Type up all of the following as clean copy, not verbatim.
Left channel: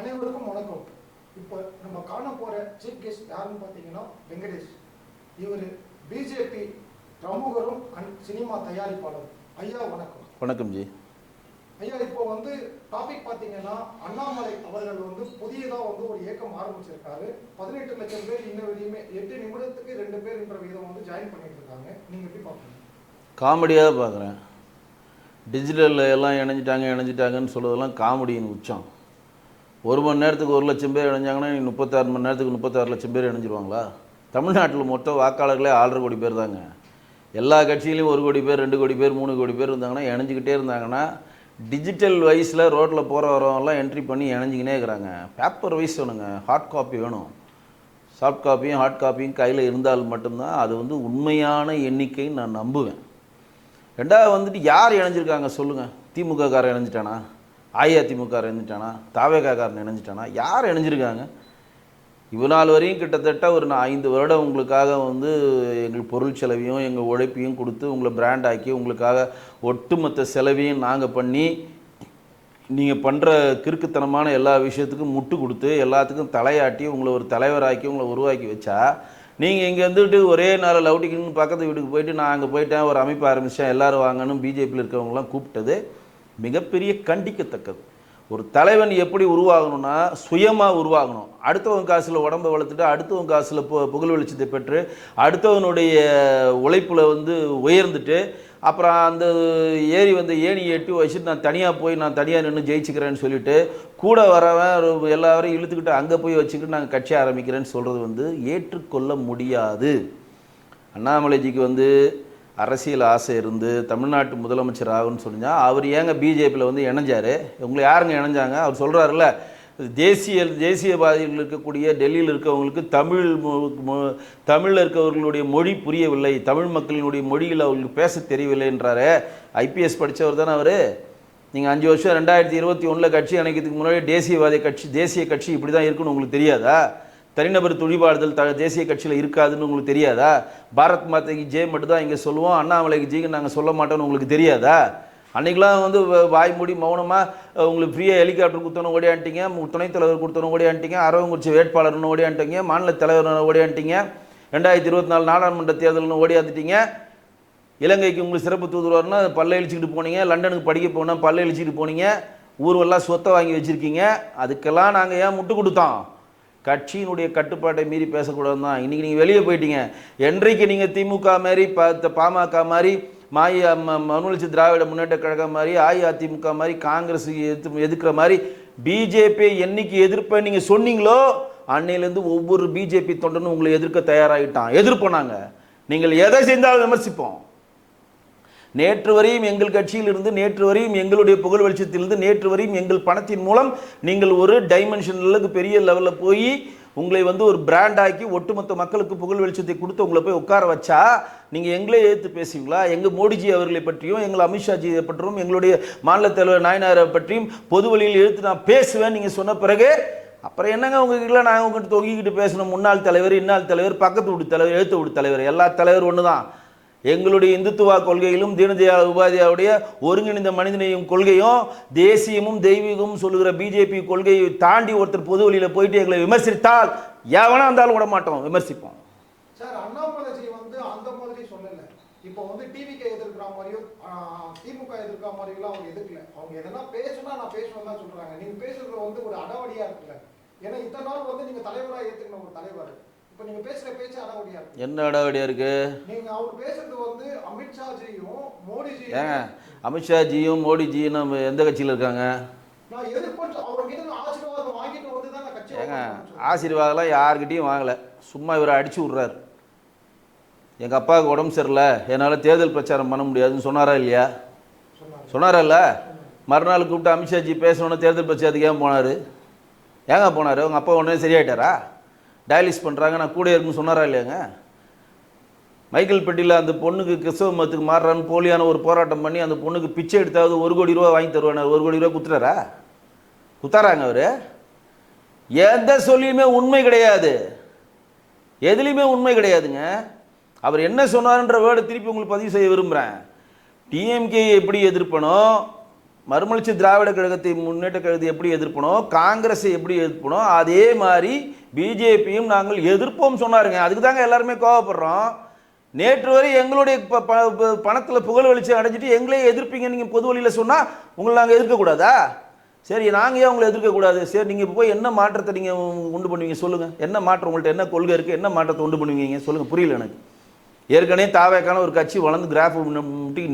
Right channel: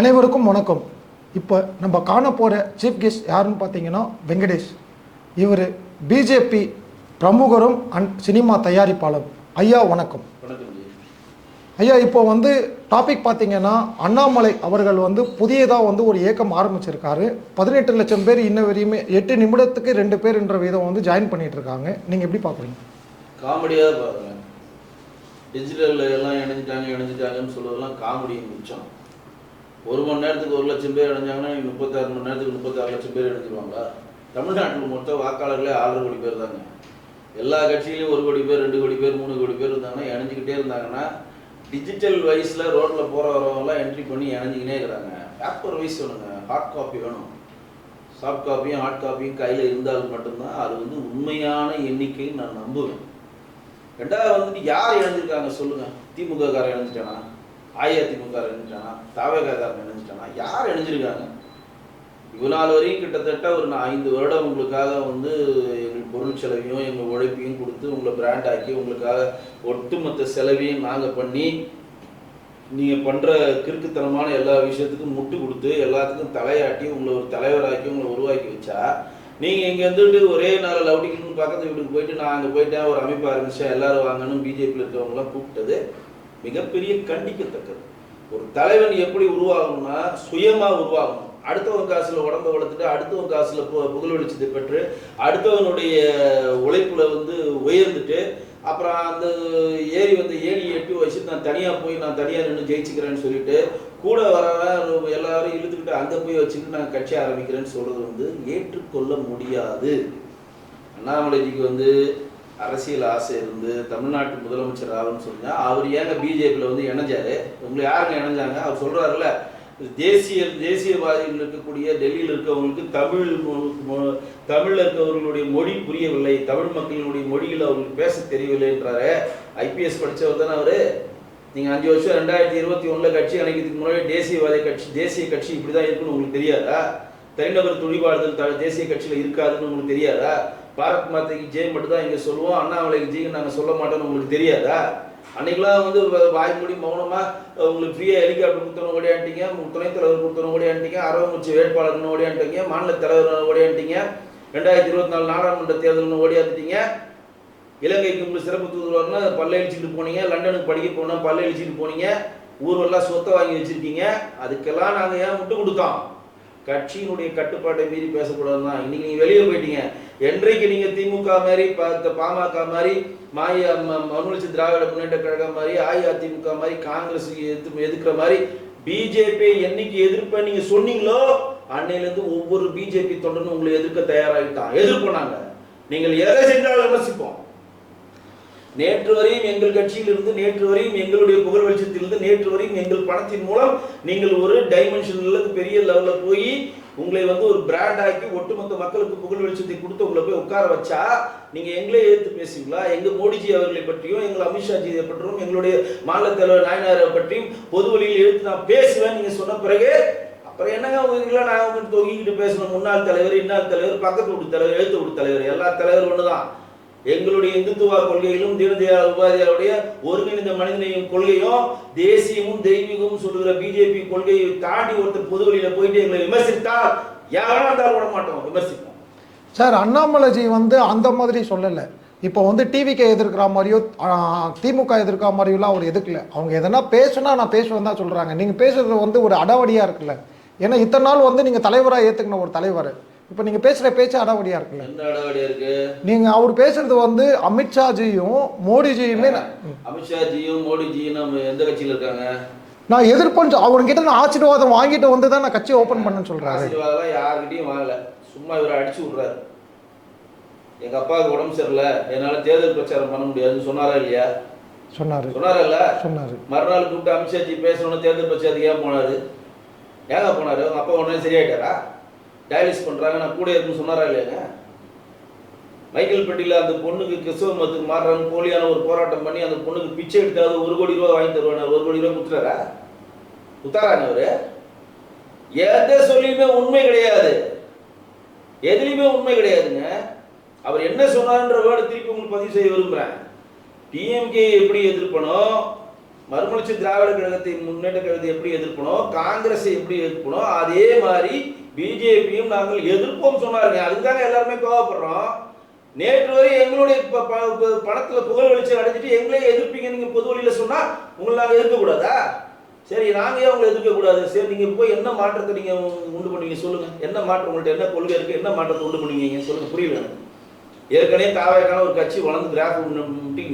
அனைவருக்கும் வணக்கம். இப்போ நம்ம காண போகிற சீஃப் கெஸ்ட் யாருன்னு பார்த்தீங்கன்னா வெங்கடேஷ். இவர் பிஜேபி பிரமுகரும் சினிமா தயாரிப்பாளர். ஐயா வணக்கம். வணக்கம் ஜி. ஐயா, இப்போ டாபிக் பார்த்தீங்கன்னா அண்ணாமலை அவர்கள் புதியதாக ஒரு இயக்கம் ஆரம்பிச்சிருக்காரு. 18 லட்சம் பேர் இன்ன வரையுமே 8 நிமிடத்துக்கு 2 பேர்ன்ற விதம் ஜாயின் பண்ணிட்டு இருக்காங்க. நீங்கள் எப்படி பார்க்குறீங்க? காமெடியாக பார்க்குறேன். டிஜிட்டலில் எல்லாம் இணைஞ்சிட்டாங்கன்னு சொல்லுவதெல்லாம் காமெடின்னு உச்சம். 1 மணி நேரத்துக்கு 1 லட்சம் பேர் இணைஞ்சாங்கன்னா 36 மணி நேரத்துக்கு 36 லட்சம் பேர் இணைஞ்சிருவாங்களா? தமிழ்நாட்டில் மொத்த வாக்காளர்களே 6.5 கோடி பேர் தாங்க. எல்லா கட்சியிலையும் 1 கோடி பேர் 2 கோடி பேர் 3 கோடி பேர் இருந்தாங்கன்னா இணைஞ்சிக்கிட்டே இருந்தாங்கன்னா டிஜிட்டல் வைஸில் ரோட்டில் போகிற வரவங்கலாம் என்ட்ரி பண்ணி இணைஞ்சிக்கினே இருக்கிறாங்க. பேப்பர் வைஸ் வேணுங்க, ஹார்ட் காப்பி வேணும். சாஃப்ட் காப்பியும் ஹார்ட் காப்பியும் கையில் இருந்தால் மட்டும்தான் அது உண்மையான எண்ணிக்கைன்னு நான் நம்புவேன். ரெண்டாவது யார் இணைஞ்சிருக்காங்க சொல்லுங்கள்? திமுக காரன் இணைஞ்சிட்டானா? அதிமுக இணைஞ்சிட்டானா? தவேகாரன் இணைஞ்சிட்டானா? யார் இணைஞ்சிருக்காங்க? இவ்வளோ நாள் வரையும் கிட்டத்தட்ட ஒரு 5 வருடம் உங்களுக்காக எங்கள் பொருள் செலவையும் எங்கள் உழைப்பையும் கொடுத்து உங்களை பிராண்ட் ஆக்கி உங்களுக்காக ஒட்டுமொத்த செலவையும் நாங்கள் பண்ணி நீங்கள் பண்ணுற கிறுக்குத்தனமான எல்லா விஷயத்துக்கும் முட்டு கொடுத்து எல்லாத்துக்கும் தலையாட்டி உங்களை ஒரு தலைவராக்கி உங்களை உருவாக்கி வச்சா நீங்கள் இங்கே வந்துட்டு ஒரே நேரம் லவுட்டிங்கன்னு பக்கத்து வீட்டுக்கு போயிட்டு நான் அங்கே போயிட்டேன் ஒரு அமைப்பு ஆரம்பித்தேன் எல்லோரும் வாங்கணும் பிஜேபியில் இருக்கிறவங்களாம் கூப்பிட்டது மிகப்பெரிய கண்டிக்கத்தக்கது. ஒரு தலைவன் எப்படி உருவாகணும்னா சுயமாக உருவாகணும். அடுத்தவன் காசில் உடம்பை வளர்த்துட்டு அடுத்தவன் காசில் புகழ் வெளிச்சத்தை பெற்று அடுத்தவனுடைய உழைப்பில் உயர்ந்துட்டு அப்புறம் அந்த ஏணியை எட்டி வச்சுட்டு நான் தனியாக நின்று ஜெயிச்சுக்கிறேன்னு சொல்லிட்டு கூட வரவன் எல்லாரையும் இழுத்துக்கிட்டு அங்கே போய் வச்சுக்கிட்டு நாங்கள் கட்சி ஆரம்பிக்கிறேன்னு சொல்கிறது ஏற்றுக்கொள்ள முடியாது. அண்ணாமலைஜிக்கு அரசியல் ஆசை இருந்து தமிழ்நாட்டு முதலமைச்சர் ஆகுன்னு சொன்னால் அவர் ஏங்க பிஜேபியில் இணைஞ்சார்? உங்களை யாருங்க இணைஞ்சாங்க? அவர் சொல்கிறாருல்ல, தேசியவாதிகள் இருக்கக்கூடிய டெல்லியில் இருக்கவங்களுக்கு தமிழில் இருக்கவர்களுடைய மொழி புரியவில்லை, தமிழ் மக்களினுடைய மொழியில் அவர்களுக்கு பேச தெரியவில்லைன்றாரு. ஐபிஎஸ் படித்தவர் தானே அவர். நீங்கள் 5 வருஷம் 2021 கட்சி அணைக்கிறதுக்கு முன்னாடி தேசிய கட்சி இப்படி தான் இருக்குன்னு உங்களுக்கு தெரியாதா? தனிநபர் துணிபாடுதல் தேசிய கட்சியில் இருக்காதுன்னு உங்களுக்கு தெரியாதா? பாரத் மாதாக்கு ஜெய் மட்டும் தான் இங்கே சொல்லுவோம், அண்ணாமலைக்கு ஜெய்க்கு நாங்கள் சொல்ல மாட்டோம்னு உங்களுக்கு தெரியாதா? அன்றைக்கெலாம் வாய் மூடி மௌனமாக உங்களுக்கு ஃப்ரீயாக ஹெலிகாப்டர் கொடுத்தோன்னு ஓடியாண்டிங்க, துணைத் தலைவர் கொடுத்தோன்னு ஓடியாண்டிங்க, அரவங்குறிச்சி வேட்பாளர்னு ஓடியாண்டிங்க, மாநில தலைவர் ஓடியாண்டிங்க, 2024 நாடாளுமன்ற தேர்தல்னு ஓடியாந்துட்டீங்க. இலங்கைக்கு உங்களுக்கு சிறப்பு தூதுவர்னு பல்ல அழிச்சிக்கிட்டு போனீங்க, லண்டனுக்கு படிக்க போனால் பல்ல அழிச்சிக்கிட்டு போனீங்க, ஊர்வெல்லாம் சொத்தை வாங்கி வச்சுருக்கீங்க. அதுக்கெல்லாம் நாங்கள் ஏன் முட்டு கொடுத்தோம்? கட்சியினுடைய கட்டுப்பாட்டை மீறி பேசக்கூடாது தான். இன்றைக்கி நீங்கள் வெளியே போயிட்டீங்க. என்றைக்கு நீங்கள் திமுக மாதிரி பாமக மாதிரி மனுநீதி திராவிட முன்னேற்ற கழகம் மாதிரி அஇஅதிமுக மாதிரி காங்கிரஸ் எதிர்க்கிற மாதிரி பிஜேபியை என்னைக்கு எதிர்ப்பேன் நீங்கள் சொன்னீங்களோ அன்னையிலேருந்து ஒவ்வொரு பிஜேபி தொண்டனும் உங்களை எதிர்க்க தயாராகிட்டான். எதிர்ப்போம் நாங்கள். நீங்கள் எதை செஞ்சாலும் விமர்சிப்போம். நேற்று வரையும் எங்கள் கட்சியிலிருந்து, நேற்று வரையும் எங்களுடைய புகழ் வெளிச்சத்திலிருந்து, நேற்று வரையும் எங்கள் பணத்தின் மூலம் நீங்கள் ஒரு டைமென்ஷனில் பெரிய லெவலில் போய் உங்களை ஒரு பிராண்ட் ஆக்கி ஒட்டுமொத்த மக்களுக்கு புகழ் வெளிச்சத்தை கொடுத்து உங்களை போய் உட்கார வச்சா நீங்கள் எங்களே எதிர்த்து பேசுவீங்களா? எங்கள் மோடிஜி அவர்களை பற்றியும் எங்கள் அமித்ஷாஜியை பற்றியும் எங்களுடைய மாநில தலைவர் நாயனாரை பற்றியும் பொது வழியில் எடுத்து நான் பேசுவேன் நீங்கள் சொன்ன பிறகு அப்புறம் என்னங்க உங்ககிட்ட நான் உங்ககிட்ட தொங்கிக்கிட்டு பேசணும்? முன்னாள் தலைவர், இன்னாள் தலைவர், பக்கத்து வீட்டு தலைவர், எழுத்து வீட்டு தலைவர், எல்லா தலைவர் ஒன்று தான். எங்களுடைய இந்துத்துவா கொள்கையிலும் தீனதயாள் உபாத்யாவுடைய ஒருங்கிணைந்த மனிதனையும் கொள்கையும் தேசியமும் தெய்வீகமும் சொல்லுகிற பிஜேபி கொள்கையை தாண்டி ஒருத்தர் பொது வழியில் போயிட்டு எங்களை விமர்சித்தால் எவனா இருந்தாலும் விட மாட்டோம், விமர்சிப்போம். சார், அண்ணாமலைஜி அந்த மாதிரி சொல்லலை. இப்போ டிவிக்கு எதிர்க்கிற மாதிரியோ திமுக எதிர்க்கிற மாதிரியோலாம் அவர் எதுக்கல. அவங்க எதனா பேசுனா நான் பேசுவேன் தான் சொல்கிறாங்க. நீங்கள் பேசுறது ஒரு அடாவடியாக இருக்குல்ல. ஏன்னா இத்தனை நாள் நீங்கள் தலைவராக ஏற்றுக்கணும் ஒரு தலைவர். இப்போ நீங்கள் பேசுகிற பேச்சு அடாவடியாக இருக்கு. என்ன அடாவடியாக இருக்கு? நீங்கள் அவர் பேசுறது அமித்ஷாஜியும் மோடிஜியுமே. அமித்ஷாஜியும் மோடிஜியும் நம்ம எந்த கட்சியில் இருக்காங்க? நான் எதிர்ப்பேன். அவர்கிட்ட நான் ஆசீர்வாதம் வாங்கிட்டு தான் நான் கட்சி ஓப்பன் பண்ணேன்னு சொல்கிறேன். ஆசீர்வாதம்லாம் யார்கிட்டையும் வாங்கலை. சும்மா இவரை அடிச்சு விட்றாரு. எங்கள் அப்பாவுக்கு உடம்பு சரியில்லை, என்னால் தேர்தல் பிரச்சாரம் பண்ண முடியாதுன்னு சொன்னாரா இல்லையா? சொன்னாரல்ல. மறுநாள் கூப்பிட்டு அமித்ஷாஜி பேசணும்னு தேர்தல் பிரச்சாரத்துக்கு ஏன் போனார்? ஏங்க போனார்? உங்கள் அப்பா உடனே சரியாயிட்டாரா? டயாலிஸ் பண்ணுறாங்க நான் கூட இருக்குன்னு சொன்னாரா இல்லையாங்க? மைக்கேல் பெட்டியில் அந்த பொண்ணுக்கு கிறிஸ்தவ மதத்துக்கு மாறுறான்னு போலியான ஒரு போராட்டம் பண்ணி அந்த பொண்ணுக்கு பிச்சை எடுத்தாவது 1 கோடி ரூபா வாங்கி தருவாங்க. 1 கோடி ரூபா குத்தாராங்க அவர். எந்த சொல்லியுமே உண்மை கிடையாது, எதுலையுமே உண்மை கிடையாதுங்க. அவர் என்ன சொன்னார்ன்ற வேர்டை திருப்பி உங்களுக்கு பதிவு செய்ய விரும்புகிறேன். டிஎம்கே எப்படி எதிர்ப்பனோ மறுமலர்ச்சி திராவிட கழகத்தை முன்னேற்ற கழகத்தை எப்படி எதிர்க்கணும், காங்கிரஸை எப்படி எதிர்க்கணும், அதே மாதிரி பிஜேபியும் நாங்கள் எதிர்ப்போம் சொன்னாருங்க. அதுக்கு தாங்க எல்லாருமே கோவப்படுறோம். நேற்று வரை எங்களுடைய பணத்தில் புகழ் வெளிச்சம் அடைஞ்சிட்டு எங்களே எதிர்ப்பீங்க நீங்கள் பொது வழியில் சொன்னால் உங்களை நாங்கள் எதிர்க்கக்கூடாதா? சரி, நாங்கள் ஏன் உங்களை எதிர்க்கக்கூடாது? சரி, நீங்கள் போய் என்ன மாற்றத்தை நீங்கள் உண்டு பண்ணுவீங்க சொல்லுங்கள். என்ன மாற்றம் உங்கள்கிட்ட, என்ன கொள்கை இருக்குது, என்ன மாற்றத்தை உண்டு பண்ணுவீங்க சொல்லுங்கள். புரியல எனக்கு. ஏற்கனவே தாவேக்கான ஒரு கட்சி வளர்ந்து கிராஃப்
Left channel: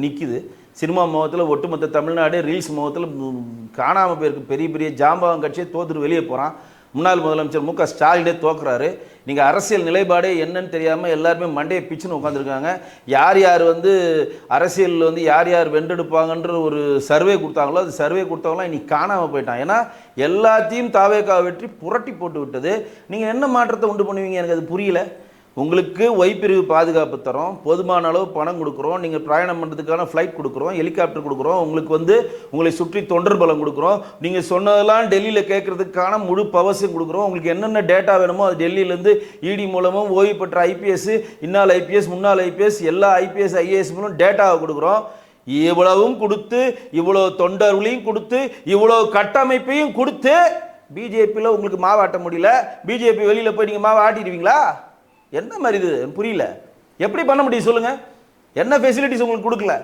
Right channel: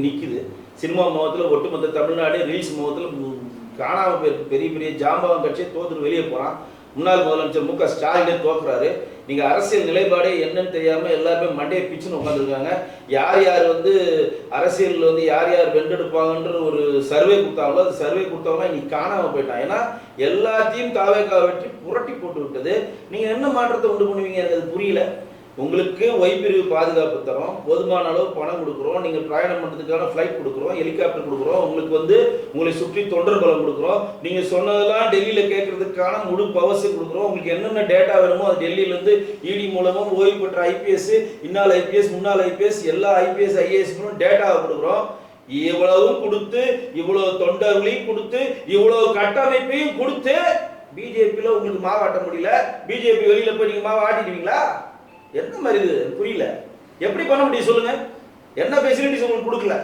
நிற்குது. சினிமா முகத்தில் ஒட்டுமொத்த தமிழ்நாடு ரீல்ஸ் முகத்தில் காணாமல் போயிருக்கு. பெரிய பெரிய ஜாம்பவான் கட்சியை தோத்துட்டு வெளியே போகிறான். முன்னாள் முதலமைச்சர் மு க ஸ்டாலினே தோக்குறாரு. நீங்கள் அரசியல் நிலைப்பாடே என்னன்னு தெரியாமல் எல்லாருமே மண்டையை பிச்சுன்னு உட்காந்துருக்காங்க. யார் யார் அரசியலில் யார் யார் வென்றெடுப்பாங்கன்ற ஒரு சர்வே கொடுத்தாங்களோ, அது சர்வே கொடுத்தவங்களாம் இன்னைக்கு காணாமல் போயிட்டான். ஏன்னா எல்லாத்தையும் தாவேக்கா வெற்றி புரட்டி போட்டு விட்டது. நீங்கள் என்ன மாற்றத்தை உண்டு பண்ணுவீங்க எனக்கு அது புரியல. உங்களுக்கு ஒய்பிரிவு பாதுகாப்பு தரோம், போதுமான அளவு பணம் கொடுக்குறோம், நீங்கள் பிரயாணம் பண்ணுறதுக்கான ஃப்ளைட் கொடுக்குறோம், ஹெலிகாப்டர் கொடுக்குறோம், உங்களுக்கு உங்களை சுற்றி தொண்டர் பலம் கொடுக்குறோம், நீங்கள் சொன்னதெல்லாம் டெல்லியில் கேட்கறதுக்கான முழு பவர்ஸும் கொடுக்குறோம். உங்களுக்கு என்னென்ன டேட்டா வேணுமோ அது டெல்லியிலேருந்து இடி மூலமும் ஓய்வு பெற்ற ஐபிஎஸ், இன்னால் ஐபிஎஸ், முன்னாள் ஐபிஎஸ், எல்லா ஐபிஎஸ் ஐஏஎஸ் மூலம் டேட்டாவை கொடுக்குறோம். இவ்வளவும் கொடுத்து, இவ்வளோ தொண்டர்களையும் கொடுத்து, இவ்வளோ கட்டமைப்பையும் கொடுத்து பிஜேபியில் உங்களுக்கு மாவாட்ட முடியல. பிஜேபி வெளியில் போய் நீங்கள் மாவை ஆட்டிடுவீங்களா? என்ன மாதிரி இது புரியல. எப்படி பண்ண முடியும் சொல்லுங்க? என்ன ஃபெசிலிட்டிஸ் உங்களுக்கு கொடுக்கல?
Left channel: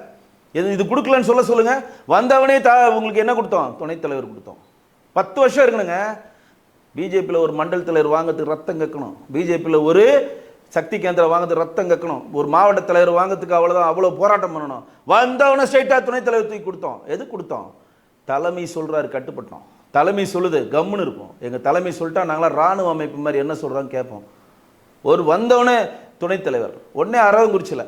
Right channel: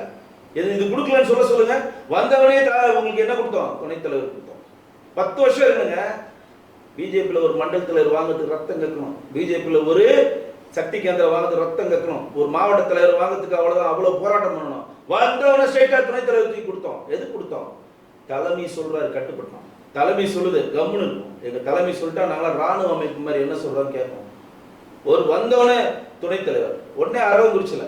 இது கொடுக்கலன்னு சொல்லுங்க. வந்தவனே உங்களுக்கு என்ன கொடுத்தோம்? துணைத் தலைவர் கொடுத்தோம். 10 வருஷம் இருக்கணுங்க. பிஜேபியில் ஒரு மண்டல் தலைவர் வாங்கிறதுக்கு ரத்தம் கக்கணும். பிஜேபியில் ஒரு சக்தி கேந்திரம் வாங்கிறதுக்கு ரத்தம் கக்கணும். ஒரு மாவட்ட தலைவர் வாங்கிறதுக்கு அவ்வளோ போராட்டம் பண்ணணும். வந்தவனை ஸ்ட்ரைட்டாக துணைத் தலைவர் தூக்கி கொடுத்தோம். எது கொடுத்தோம்? தலைமை சொல்றாரு, கட்டுப்பட்டோம். தலைமை சொல்லுது, கம்முன்னு இருக்கும். எங்கள் தலைமை சொல்லிட்டா நாங்களாம் ராணுவ அமைப்பு மாதிரி என்ன சொல்கிறான்னு கேட்போம். ஒரு வந்தவனே துணைத் தலைவர் உடனே அரவங்குறிச்சியில்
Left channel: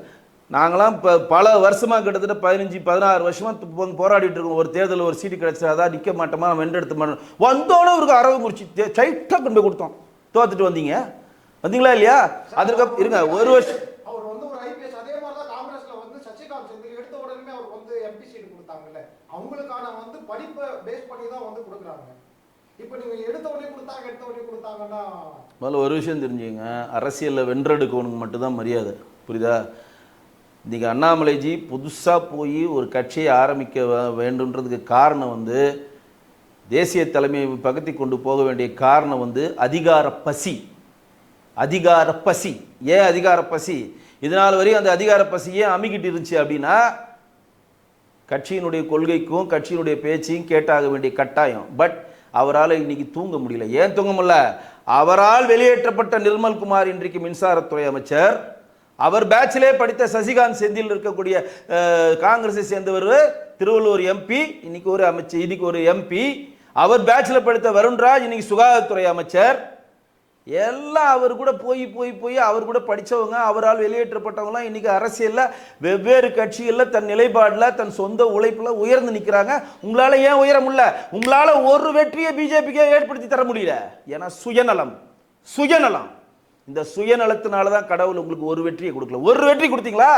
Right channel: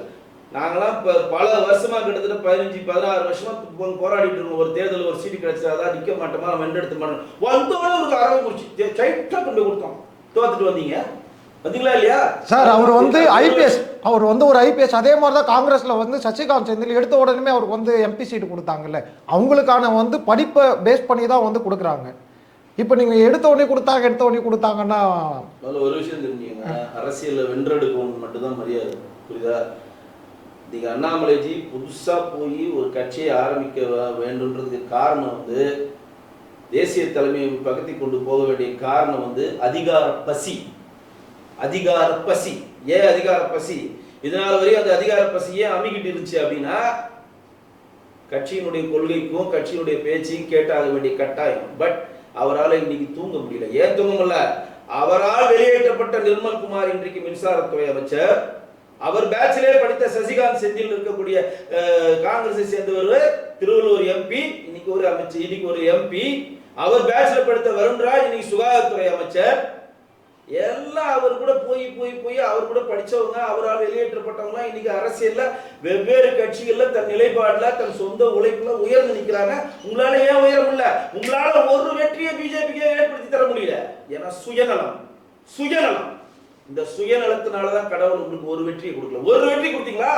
நாங்களாம் இப்போ பல வருஷமாக கிட்டத்தட்ட 15-16 வருஷமாக போராடிட்டு இருக்கோம். ஒரு தேர்தலில் ஒரு சீட்டு கிடைச்சா அதான் நிற்க மாட்டோமா, வென்றெடுத்த மாட்டோம். வந்தவனே ஒரு அரவங்குறிச்சி சைட்டாக கொண்டு போய் கொடுத்தோம். தோத்துட்டு வந்தீங்களா இல்லையா சார்? அவர் ஒரு ஐபிஎஸ். அதே மாதிரி தான் காங்கிரஸ்ல சசிகாந்த் செந்தில் எடுத்த உடனே அவருக்கு எம்பி சீட்டு கொடுத்தாங்கல்ல. அவங்களுக்கான படிப்பை பேஸ் பண்ணி தான் கொடுக்குறாங்க. இப்போ நீங்கள் எடுத்த உடனே கொடுத்தாங்கன்னா முதல்ல ஒரு விஷயம் தெரிஞ்சுங்க. அரசியலில் வென்றெடுக்கணும் மட்டும்தான் மரியாதை, புரியுதா? நீங்கள் அண்ணாமலைஜி புதுசாக போய் ஒரு கட்சியை ஆரம்பிக்க வேண்டுன்றதுக்கு காரணம் தேசிய தலைமையை பகுத்தி கொண்டு போக வேண்டிய காரணம் அதிகார பசி. அதிகார பசி. ஏன் அதிகார பசி? இதனால் வரையும் அந்த அதிகார பசியே அமிக்கிட்டு இருந்துச்சு அப்படின்னா கட்சியினுடைய கொள்கைக்கும் கட்சியினுடைய பேச்சையும் கேட்டாக வேண்டிய கட்டாயம். பட் அவரால் இன்னைக்கு தூங்க முடியல. ஏன் தூங்க முடியல? அவரால் வெளியேற்றப்பட்ட நிர்மல்குமார் இன்றைக்கு மின்சாரத்துறை அமைச்சர், அவர் பேட்சிலே படித்த சசிகாந்த் செந்தில் இருக்கக்கூடிய காங்கிரஸை சேர்ந்தவர் திருவள்ளூர் எம்பி, இன்னைக்கு ஒரு அமைச்சர், இன்னைக்கு ஒரு எம்பி. அவர் பேட்சில் படித்த வருண்ராஜ் இன்னைக்கு சுகாதாரத்துறை அமைச்சர். எல்லாம் அவர் கூட போய் அவர் கூட படித்தவங்க, அவரால் வெளியேற்றப்பட்டவங்களாம் இன்னைக்கு அரசியலில் வெவ்வேறு கட்சிகளில் தன் நிலைப்பாடில் தன் சொந்த உழைப்பில் உயர்ந்து நிற்கிறாங்க. உங்களால் ஏன் உயர முடியல? உங்களால் ஒரு வெற்றியை பிஜேபிக்கே ஏற்படுத்தி தர முடியல. ஏன்னா சுயநலம். இந்த சுயநலத்தினால தான் கடவுள் உங்களுக்கு ஒரு வெற்றியை கொடுக்கல. ஒரு வெற்றி கொடுத்தீங்களா?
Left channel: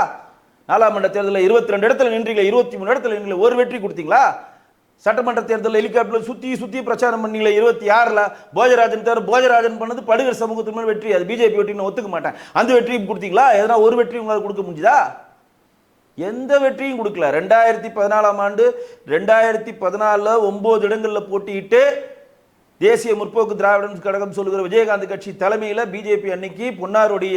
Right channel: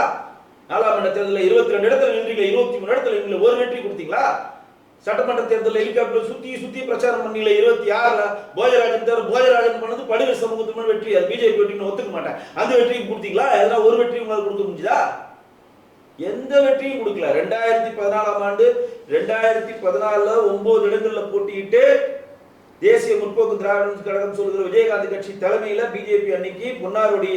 நாடாளுமன்ற தேர்தலில் 22 இடத்துல நின்றீங்களா? 23 இடத்துல நின்றீங்களா? ஒரு வெற்றி கொடுத்தீங்களா? சட்டமன்ற தேர்தலில் ஹெலிகாப்டர் சுத்தி பிரச்சாரம் பண்ணீங்களா? 26ல் போஜராஜன் பண்ணது படுகர் சமூகத்துக்கு மேல் வெற்றி. அது பிஜேபி வெற்றின்னு ஒத்துக்க மாட்டேன். அந்த வெற்றியும் கொடுத்தீங்களா? எதனா ஒரு வெற்றி உங்களால் கொடுக்க முடிஞ்சதா? எந்த வெற்றியும் கொடுக்கல. 2014ஆம் ஆண்டு 2014 9 இடங்களில் போட்டியிட்டு தேசிய முற்போக்கு திராவிட கழகம் சொல்லுகிற விஜயகாந்த் கட்சி தலைமையில் பிஜேபி அன்னைக்கு பொன்னாருடைய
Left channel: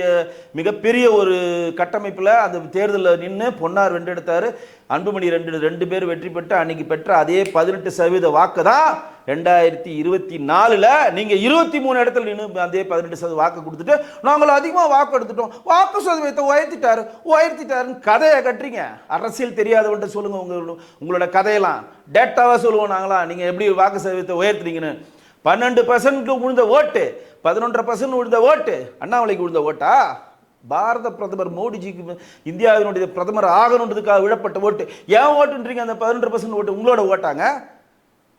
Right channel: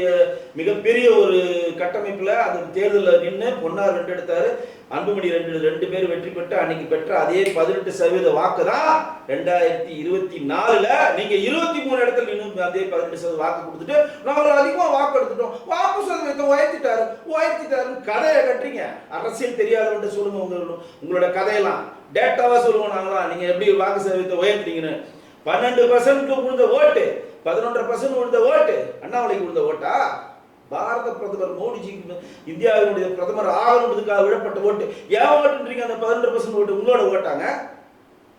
மிகப்பெரிய ஒரு கட்டமைப்பில் அந்த தேர்தலில் நின்று பொன்னார் வென்றெடுத்தாரு. அன்புமணி ரெண்டு பேர் வெற்றி பெற்று அன்னைக்கு பெற்ற அதே 18% வாக்கு தான் 2024ல் நீங்க 23 இடத்துல நின்று அதே 18% வாக்கு கொடுத்துட்டு நாங்கள் அதிகமாக வாக்கு எடுத்துட்டோம், வாக்கு சதவீதத்தை உயர்த்திட்டாருன்னு கதையை கட்டுறீங்க. அரசியல் தெரியாதவன்ட்டு சொல்லுங்க உங்களோட கதையெல்லாம் டேட்டாவா சொல்லுவோம் நாங்களா. நீங்க எப்படி வாக்கு சதவீதத்தை உயர்த்துறீங்கன்னு. 12% விழுந்த ஓட்டு, 11% விழுந்த ஓட்டு அண்ணாமலைக்கு விழுந்த ஓட்டா? பாரத பிரதமர் மோடிஜிக்கு இந்தியாவினுடைய பிரதமர் ஆகணுன்றதுக்காக விடப்பட்ட ஓட்டு. ஏன் ஓட்டுன்றீங்க? அந்த 12% ஓட்டு உங்களோட ஓட்டாங்க.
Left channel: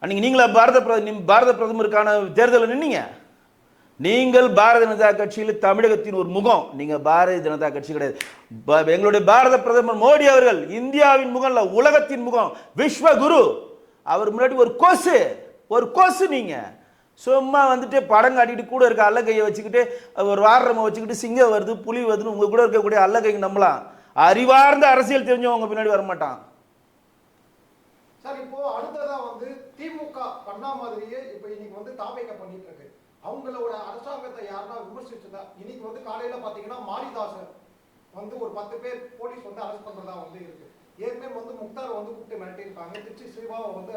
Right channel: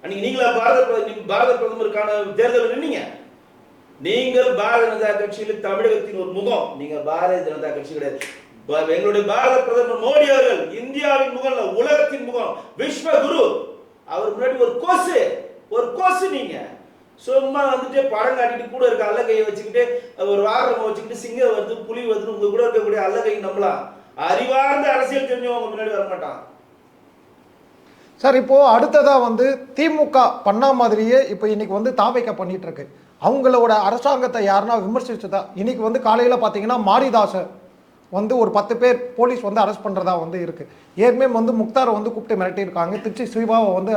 அன்னைக்கு நீங்களா பாரத பிரதமருக்கான தேர்தலில் நின்னீங்க? நீங்கள் பாரதிய ஜனதா கட்சியில் தமிழகத்தின் ஒரு முகம். நீங்க பாரதிய ஜனதா கட்சி கிடையாது. எங்களுடைய பாரத பிரதமர் மோடி அவர்கள் இந்தியாவின் முகம் இல்ல, உலகத்தின் முகம், விஸ்வகுரு. அவர் முன்னாடி ஒரு கோசு நீங்க சும்மா படம் காட்டிட்டு கூட இருக்க அல்லகையை வச்சுக்கிட்டு ஒரு வாகனத்தை வச்சுக்கிட்டு சிங்கம் வருது புலி வருதுன்னு உங்க கூட இருக்கக்கூடிய அல்லகைக்கு நம்பலாம். அறிவார்ந்த அரசியல் தெரிஞ்சவங்க பின்னாடி வரமாட்டான். சார் இப்போ அடுத்ததா வந்து திமுக பண்ணா மாதிரியே இப்போ இன்னைக்கு வந்து தாவைக்க பண்ணிட்டு இருக்கு. அவங்களோட அரசாங்கத்தை யாருன்னா விமர்சிச்சதா இன்னைக்கு வந்து காலையில பாத்தீங்கன்னா மாரிதாச வந்து ஒரு 10 பேர் போலீஸ் வந்து அரெஸ்ட் பண்றதா வந்து இருக்கு. ஏற்கனவே வந்து முக்தாரை வந்து கூப்பிட்டு மிரட்டியிருக்காங்க. திருச்சி சிவாவை வந்து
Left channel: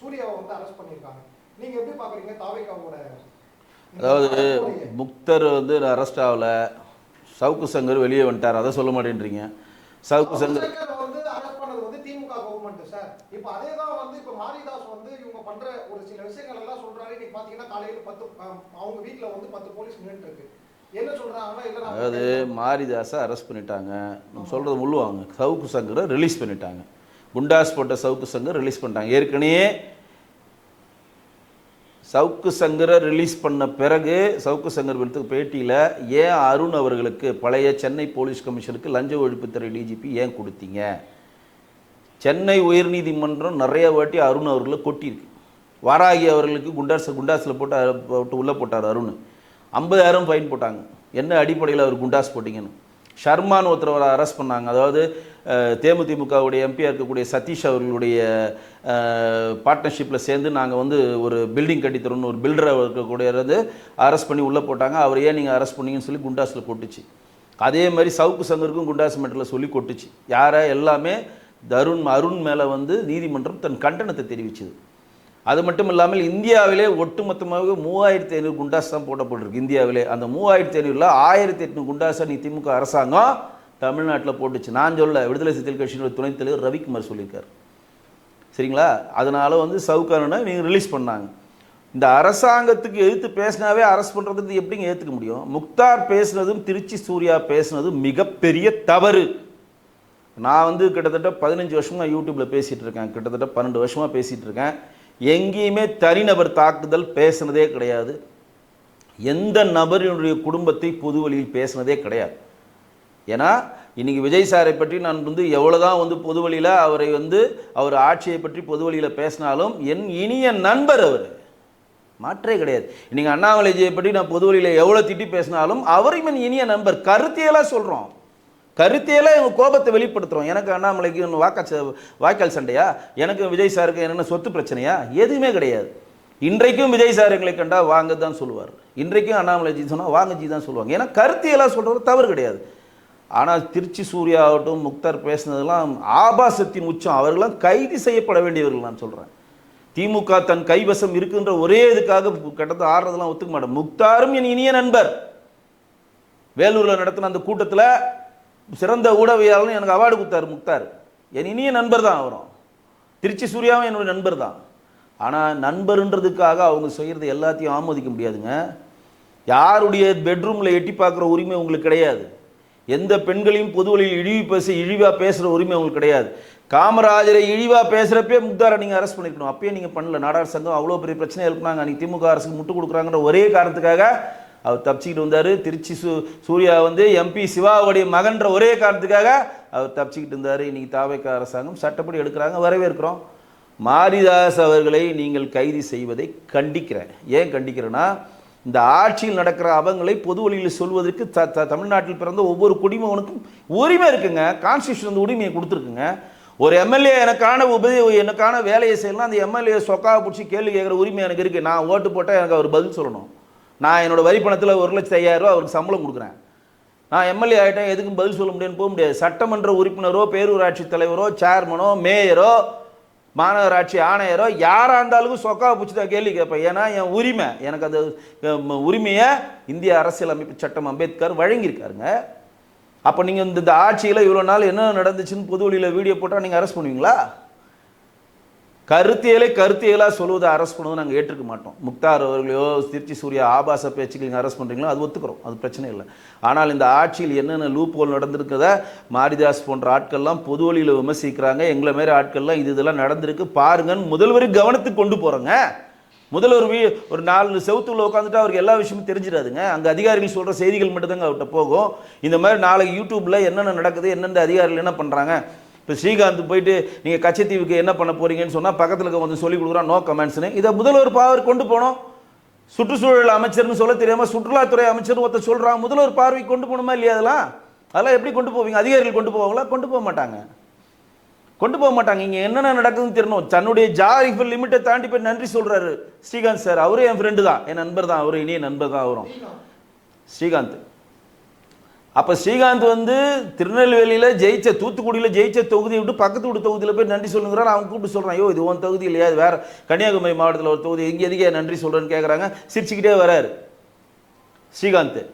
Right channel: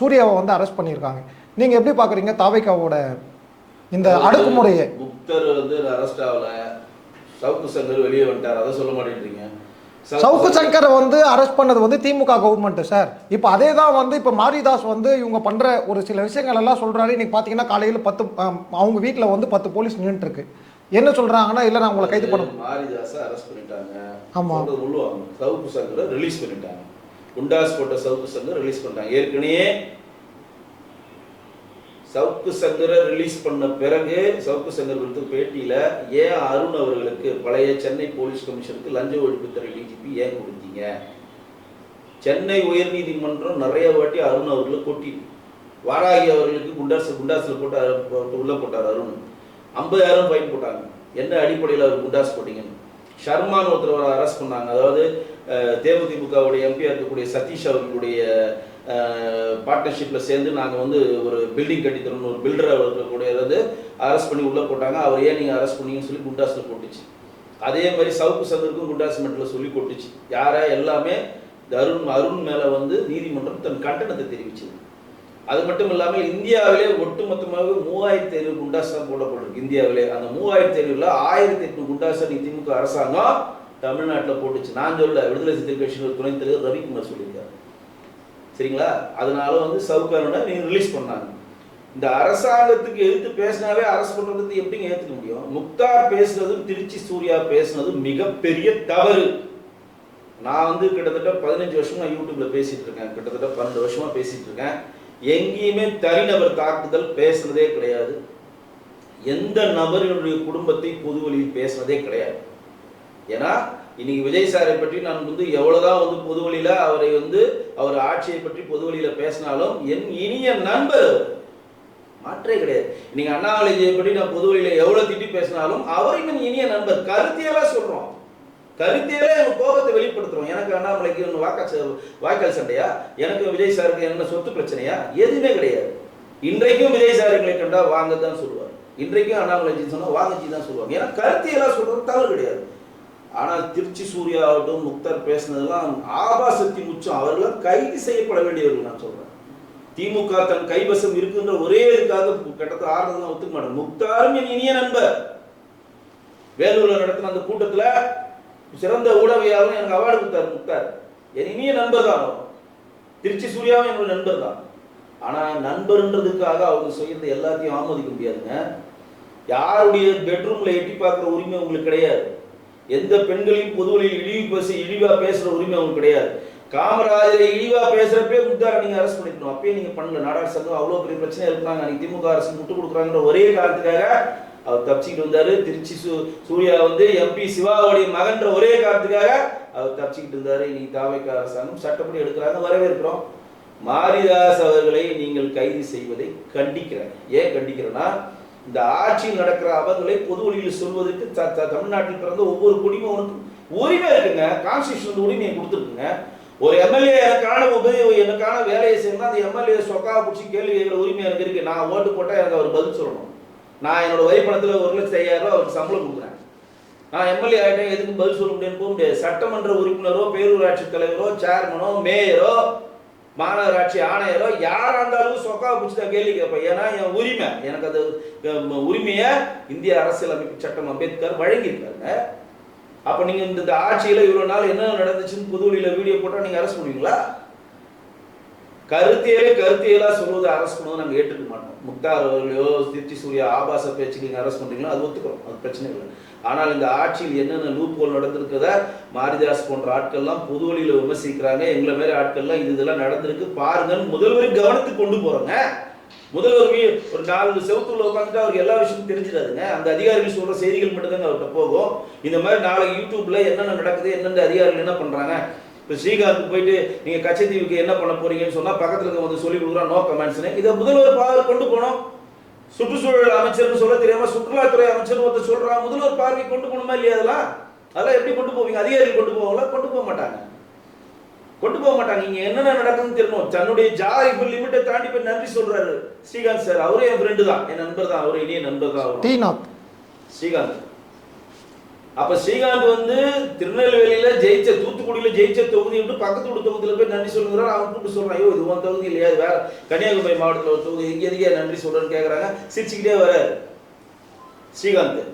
சூர்யாவை வந்து அரெஸ்ட் பண்ணியிருக்காங்க. நீங்க எப்படி பாக்குறீங்க தாவைக்காவோட இந்த அடக்குமுறையை? முக்தர் வந்து அரெஸ்ட் ஆகல, சவுக்கு சங்கர் வெளியே வந்துட்டார், அதை சொல்ல மாட்டேன்றீங்க. சவுக்கு சங்கரை வந்து அரெஸ்ட் பண்ணது வந்து திமுக கவர்மெண்ட் சார். இப்போ அதே தான் வந்து இப்போ மாரிதாஸ் வந்து இவங்க பண்ற ஒரு சில விஷயங்கள் எல்லாம் சொல்றாரு. இன்னைக்கு பாத்தீங்கன்னா காலையில 10 அவங்க வீட்டில் வந்து 10 போலீஸ் நின்றுட்டு இருக்கு. என்ன சொல்றாங்கன்னா இல்ல நான் உங்களை கைது பண்ண மாரிதாஸை அரெஸ்ட் பண்ணிட்டாங்க, சொல்றது முள்ளுவாங்க. சவுக்கு சங்கரை ரிலீஸ் பண்ணிட்டாங்க. குண்டாஸ் போட்ட சவுக்கு சங்கர் ரிலீஸ் பண்ணிட்டாங்க. ஏற்கனவே சவுக்கு சங்கரை ரிலீஸ் பண்ண பிறகு சவுக்கு சங்கர் கொடுத்த பேட்டியில் ஏன் அருண் அவர்களுக்கு பழைய சென்னை போலீஸ் கமிஷனருக்கு லஞ்ச ஒழிப்புத்துறை டிஜிபி ஏன் கொடுத்தீங்க? சென்னை உயர்நீதிமன்றம் நிறைய வாட்டி அருண் அவர்களை கொட்டியிருக்கு. வாராகி அவர்களுக்கு குண்டாஸில் போட்டு உள்ளே போட்டார் அருண். 50,000 ஃபைன் போட்டாங்க. என்ன அடிப்படையில் அவர் குண்டாஸ் போட்டிங்கன்னு. ஷர்மான் ஒருத்தர் அரெஸ்ட் பண்ணாங்க. அதாவது தேமுதிமுகவுடைய எம்பியாக இருக்கக்கூடிய சதீஷ் அவர்களுடைய பார்ட்னர்ஷிப்பில் சேர்ந்து நாங்கள் வந்து ஒரு பில்டிங் கட்டித்தரோம்னு ஒரு பில்டரை இருக்கக்கூடியது அரெஸ்ட் பண்ணி உள்ளே போட்டாங்க. அவர் ஏன் நீங்கள் அரெஸ்ட் பண்ணீங்கன்னு சொல்லி குண்டாஸில் போட்டுச்சு. அதே மாதிரி சவுக்கு சங்கருக்கும் குண்டாஸ் மெட்டில் சொல்லி கொட்டுச்சு. யாரை எல்லாமே அருண் மேலே வந்து நீதிமன்றம் தன் கண்டனத்தை தெரிவிச்சது. அது மட்டும் இல்லாமல் இந்தியாவிலே ஒட்டுமொத்தமாக 3500 குண்டாஸ் தான் போடப்பட்டிருக்கு இந்தியாவிலே. அந்த 3500ல் 1800 குண்டாஸை நீ திமுக அரசாங்கம் தமிழ்நாட்டில் போட்டுச்சு. நான் சொல்ல, விடுதலை சிறுத்தைகள் கட்சியின் ஒரு துணைத் தலைவர் ரவிக்குமார் சொல்லியிருக்காரு. சரிங்களா? அதனால வந்து சவுக்காரனை நீங்கள் ரிலீஸ் பண்ணாங்க. இந்த அரசாங்கத்துக்கு எதிர்த்து பேசினாவே அரெஸ்ட் பண்ணுறது எப்படிங்க ஏற்றுக்க முடியும்? முக்தார் பேசுனதும் திருச்சி சூர்யா பேசுனதும் மிகப்பெரிய தவறு. நான் வந்து கிட்டத்தட்ட 15 வருஷமாக யூடியூப்பில் பேசிகிட்டு இருக்கேன். கிட்டத்தட்ட 12 வருஷமாக பேசிகிட்டு இருக்கேன். எங்கேயுமே தனிநபர் தாக்குதல் பேசுனதே கிடையாது. எந்த நபரினுடைய குடும்பத்தை பொது வழியில் பேசுனதே கிடையாது. ஏன்னா இன்னைக்கு விஜய் சாரை பற்றி நான் வந்து எவ்வளோதான் வந்து பொது வழியில் அவரை வந்து அவர் ஆட்சியை பற்றி பொது வழியில் பேசினாலும் என் இனிய நண்பர் அவர், மாற்றே கிடையாது. இன்னைக்கு அண்ணாமலைஜியை பற்றி நான் பொது வழியில் எவ்வளோ திட்டி பேசினாலும் அவரும் என் இனிய நண்பர். கருத்தியெல்லாம் சொல்கிறோம், கருத்தியெல்லாம் எங்கள் கோபத்தை வெளிப்படுத்துகிறோம். எனக்கு அண்ணாமலைக்கு வாய்க்கால் சண்டையா? எனக்கு விஜய் சாருக்கு என்னென்ன சொத்து பிரச்சனையா? எதுவுமே கிடையாது. இன்றைக்கும் விஜய் சார் எங்களை கண்டா வாங்க தான் சொல்லுவார். இன்றைக்கும் அண்ணாமலைஜி சொன்னால் வாங்கஜி தான் சொல்லுவாங்க. ஏன்னா கருத்தியெல்லாம் சொல்கிறது தவறு கிடையாது. ஆனால் திருச்சி சூர்யா ஆகட்டும் முக்தார் பேசுனதெல்லாம் ஆபாசத்தின் உச்சம். அவர்களெல்லாம் கைது செய்யப்பட வேண்டியவர்கள். நான் சொல்கிறேன், திமுக தன் கைவசம் இருக்குன்ற ஒரே இதுக்காக கட்டத்தை ஆடுறதெல்லாம் ஒத்துக்க மாட்டேன். முக்தாரும் என் இனிய நண்பர். வேலூரில் நடத்தின அந்த கூட்டத்தில் சிறந்த ஊடகவியாளர் எனக்கு அவார்டு கொடுத்தார் முக்தார். என் இனிய நண்பர் தான் அவர். திருச்சி சூர்யாவும் என்னோட நண்பர் தான். ஆனால் நண்பர்ன்றதுக்காக அவங்க செய்கிறது எல்லாத்தையும் ஆமோதிக்க முடியாதுங்க. யாருடைய பெட்ரூமில் எட்டி பார்க்குற உரிமை உங்களுக்கு கிடையாது. எந்த பெண்களையும் பொது வழியில் இழிவாக பேசுகிற உரிமை அவங்களுக்கு கிடையாது. காமராஜரை இழிவாக பேசுகிறப்பே முக்தாரை நீங்கள் அரெஸ்ட் பண்ணிக்கணும். அப்பயே நீங்கள் பண்ணல. நாடார் சங்கம் அவ்வளோ பெரிய பிரச்சனை எழுப்பினாங்க. அன்றைக்கி திமுக அரசு முட்டு கொடுக்குறாங்கன்ற ஒரே காரணத்துக்காக அவர் தப்பிச்சுக்கிட்டு வந்தார். திருச்சி சூர்யா வந்து எம்பி சிவாவுடைய மகன்ற ஒரே காரணத்துக்காக அவர் தப்பிச்சுக்கிட்டு இருந்தார். இன்னைக்கு தாவேக அரசாங்கம் சட்டப்படி எடுக்கிறாங்க, வரவேற்கிறோம். மாரிதாஸ் அவர்களை நீங்கள் கைது செய்வதை கண்டிக்கிறேன். ஏன் கண்டிக்கிறேன்னா, இந்த ஆட்சியில் நடக்கிற அவங்களை பொது வழியில் சொல்வதற்கு தமிழ்நாட்டில் பிறந்த ஒவ்வொரு குடிமகனுக்கும் உரிமை இருக்குங்க. கான்ஸ்டியூஷன் உரிமையை கொடுத்துருக்குங்க. ஒரு எம்எல்ஏ எனக்கான வேலையை செய்யலாம், அந்த எம்எல்ஏ சொக்காவை பிடிச்சி கேள்வி கேட்குற உரிமை எனக்கு இருக்கு. நான் ஓட்டு போட்டால் எனக்கு அவர் பதில் சொல்லணும். நான் என்னோட வரி பணத்தில் 1,50,000 ரூபா அவருக்கு சம்பளம் கொடுக்குறேன். நான் எம்எல்ஏ ஆகிட்டேன், எதுக்கும் பதில் சொல்ல முடியும்னு போக முடியாது. சட்டமன்ற உறுப்பினரோ பேரூராட்சி தலைவரோ சேர்மனோ மேயரோ மாநகராட்சி ஆணையரோ யாராக இருந்தாலும் சொக்காவை பிடிச்சி தான் கேள்வி கேட்பேன். ஏன்னா என் உரிமை, எனக்கு அந்த உரிமையை இந்திய அரசியலமைப்பு சட்டம் அம்பேத்கர் வழங்கியிருக்காருங்க. அப்போ நீங்கள் இந்த ஆட்சியில் இவ்வளோ நாள் என்ன நடந்துச்சுன்னு பொது வழியில் வீடியோ போட்டால் நீங்கள் அரெஸ்ட் பண்ணுவீங்களா? கருத்தியலாக சொல்வதை அரெஸ்ட் பண்ணுவதை நாங்கள் ஏற்றுக்க மாட்டோம். முக்தார் அவர்களையோ திருச்சி சூர்யா ஆபாச பேச்சுக்கு நீங்கள் அரெஸ்ட் பண்ணுறீங்களோ அது ஒத்துக்கிறோம், அது பிரச்சனை இல்லை. ஆனால் இந்த ஆட்சியில் என்னென்ன லூப் ஹோல் நடந்திருக்கிறத மாரிதாஸ் போன்ற ஆட்கள்லாம் பொது வழியில் விமர்சிக்கிறாங்க. எங்களை மாரி ஆட்கள்லாம் இதெல்லாம் நடந்திருக்கு பாருங்கன்னு முதல்வர் கவனத்துக்கு கொண்டு போகிறோங்க. முதல்வர் ஒரு 4 செவத்துல உட்காந்துட்டு அவருக்கு எல்லா விஷயமும் தெரிஞ்சிடாதுங்க. அந்த அதிகாரிகள் சொல்கிற செய்திகள் மட்டும்தாங்க அவர்கிட்ட போகும். இந்த மாதிரி நாளைக்கு யூடியூப்பில் என்னென்ன நடக்குது, எந்தெந்த அதிகாரிகள் என்ன பண்ணுறாங்க. இப்போ ஸ்ரீகாந்த் போயிட்டு நீங்கள் கச்சத்தீவுக்கு என்ன பண்ண போறீங்கன்னு சொன்னால் பக்கத்தில் வந்து சொல்லி கொடுக்குறான் நோ கமெண்ட்ஸ்னு. இதை முதல்வர் பார்வை கொண்டு போனோம். சுற்றுச்சூழல் அமைச்சர்னு சொல்ல தெரியாமல் சுற்றுலாத்துறை அமைச்சர் ஒருத்தர் சொல்கிறான், முதல்வர் பார்வை கொண்டு போகணுமா இல்லையா? அதெல்லாம் எப்படி கொண்டு போவீங்க? அதிகாரிகள் கொண்டு போவாங்களா? கொண்டு போக மாட்டாங்க. கொண்டு போக மாட்டாங்க. இங்க என்னென்ன நடக்குதுன்னு தெரியணும். தன்னுடைய இப்ப லிமிட்டை தாண்டி போய் நன்றி சொல்றாரு ஸ்ரீகாந்த் சார். அவரே என் ஃப்ரெண்டு தான், என் நண்பர் தான், அவரு இனிய நண்பர் தான் அவரும் ஸ்ரீகாந்த். அப்ப ஸ்ரீகாந்த் வந்து திருநெல்வேலியில ஜெயிச்ச, தூத்துக்குடியில ஜெயிச்ச தொகுதியை விட்டு பக்கத்து வீட்டு தொகுதியில போய் நன்றி சொல்லுங்கிறான். அவன் கூப்பிட்டு சொல்றான், ஐயோ இது உன் தொகுதி இல்லையா, வேற கன்னியாகுமரி மாவட்டத்தில் ஒரு தொகுதி, எங்க எதுக்கே நன்றி சொல்றேன்னு கேட்கறாங்க. சிரிச்சுக்கிட்டே வராரு ஸ்ரீகாந்த்.